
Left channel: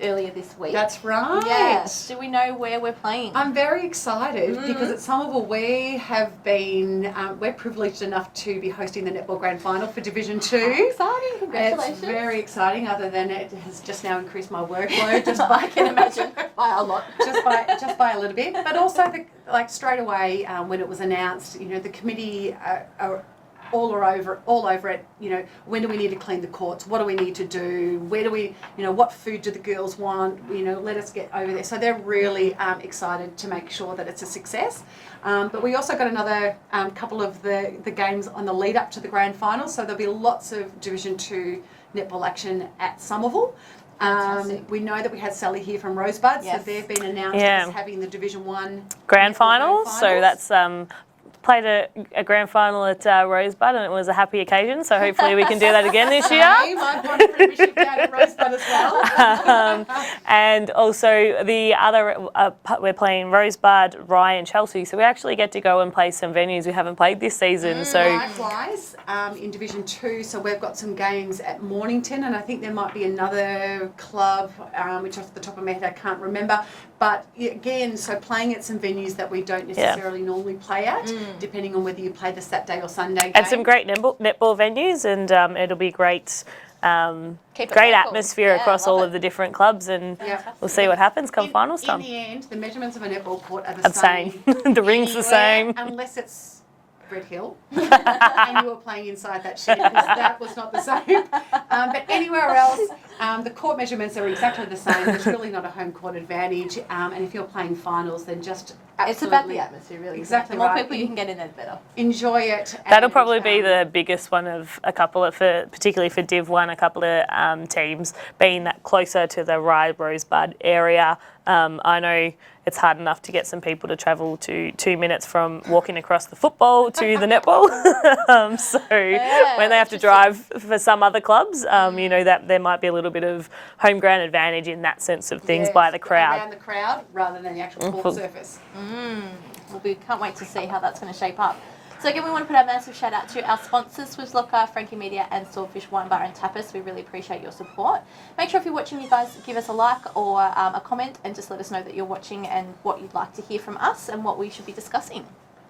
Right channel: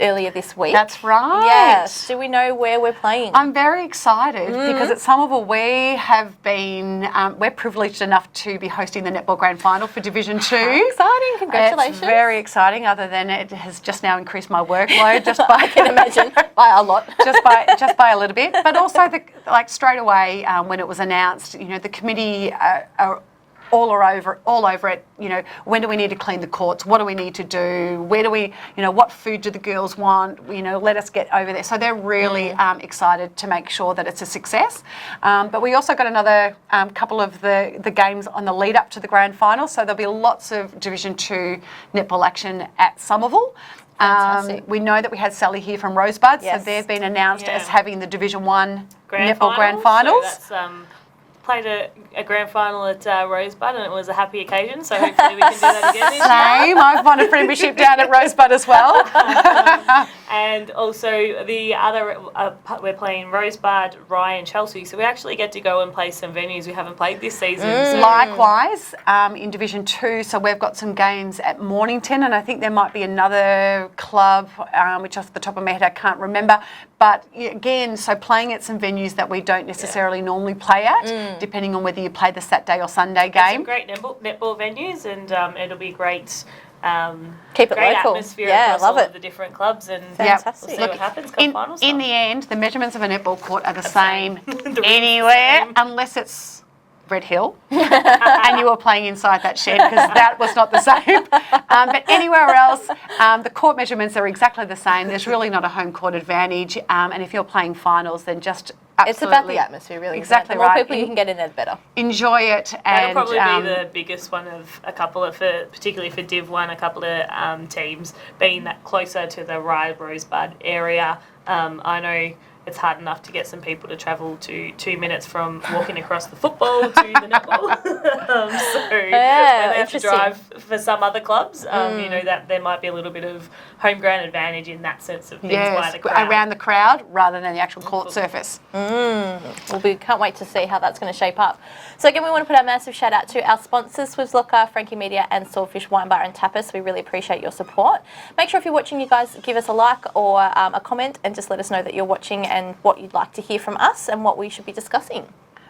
earlier this week. That's right. Yes. Do we know where we're playing? I'm very excited because at Somerville we have been, we're privileged enough to be hosting the Netball Grand Final for Division 2. Exciting, congratulations. It's very exciting, other than it has just now increased my workload just by, I can imagine, by a lot. just by a little bit. But also, straight away when it was announced, the committee are all over it. When do we need to clean the courts? What do we need to do? Where do we, what food do the girls want? Let us get over there. So they're really excited to make sure that it's a success. But we also got another couple of the games on the lead up to the grand final. So there'll be lots of Division 2 netball action at Somerville. We know that we had Sally here from Rosebud, so they've been announced as having the Division 1 Grand netball grand finals. So that's played a grand final at Rosebud, and it was a happy occasion, so hopefully we can do that again this year. I've won a premiership down at Rosebud as well. And also the other, we're playing Rosebud, Rye and Chelsea, so we actually get to go and play some venues we haven't played this season. So likewise, in Division 2, so we've got some games at Mornington, and I think there might be another club, which off the top of my head I can't remember. But again, so playing at some venues that we don't necessarily normally play at, depending on whether you play the Saturday or Sunday game. And some great netball venues, and it'll be great. Keep it great local. atmosphere across all of the different clubs, and we'll see what happens come finals time. In the end, the measurements of a netball court are the same The ring's anywhere, the same. unless it's Red Hill and you were playing inside that shed, because that was not the same. But anywhere else, the court measurements are exactly the same. There's really not a home court advantage. And if you're playing finals, then just absolutely... It's about the atmosphere, really. Exactly the more right. people you can get in there, the better. Enjoy it. That'll probably be the biggest one of a couple of, particularly for Div 1, a couple of teams being that closer to the Rye Rosebud area. I know it's hard enough to get some people to travel to 2 minutes from walking across the football to the netball. So when they have to drive for some other clubs, that there might be a little bit of home ground advantage in that sense of things by the crowd. Around the crowd rather than the actual court surface. Well, we can't wait to see how that's going to shape up. So again, we want to put a massive shout out to our sponsors, Swiss Locker, Frankie Media and Swordfish Wine Bar and Tapas. We really appreciate your support. Make sure if you're watching, you guys give us a like or a comment and just let us know that you're watching and what you'd like to hear from us and what we should be discussing.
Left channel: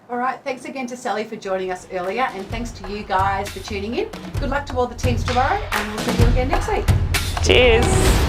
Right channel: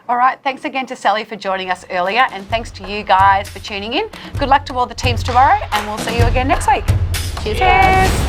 All right, thanks again to Sally for joining us earlier, and thanks to you guys for tuning in. Good luck to all the teams tomorrow, and we'll see you again next week. Cheers.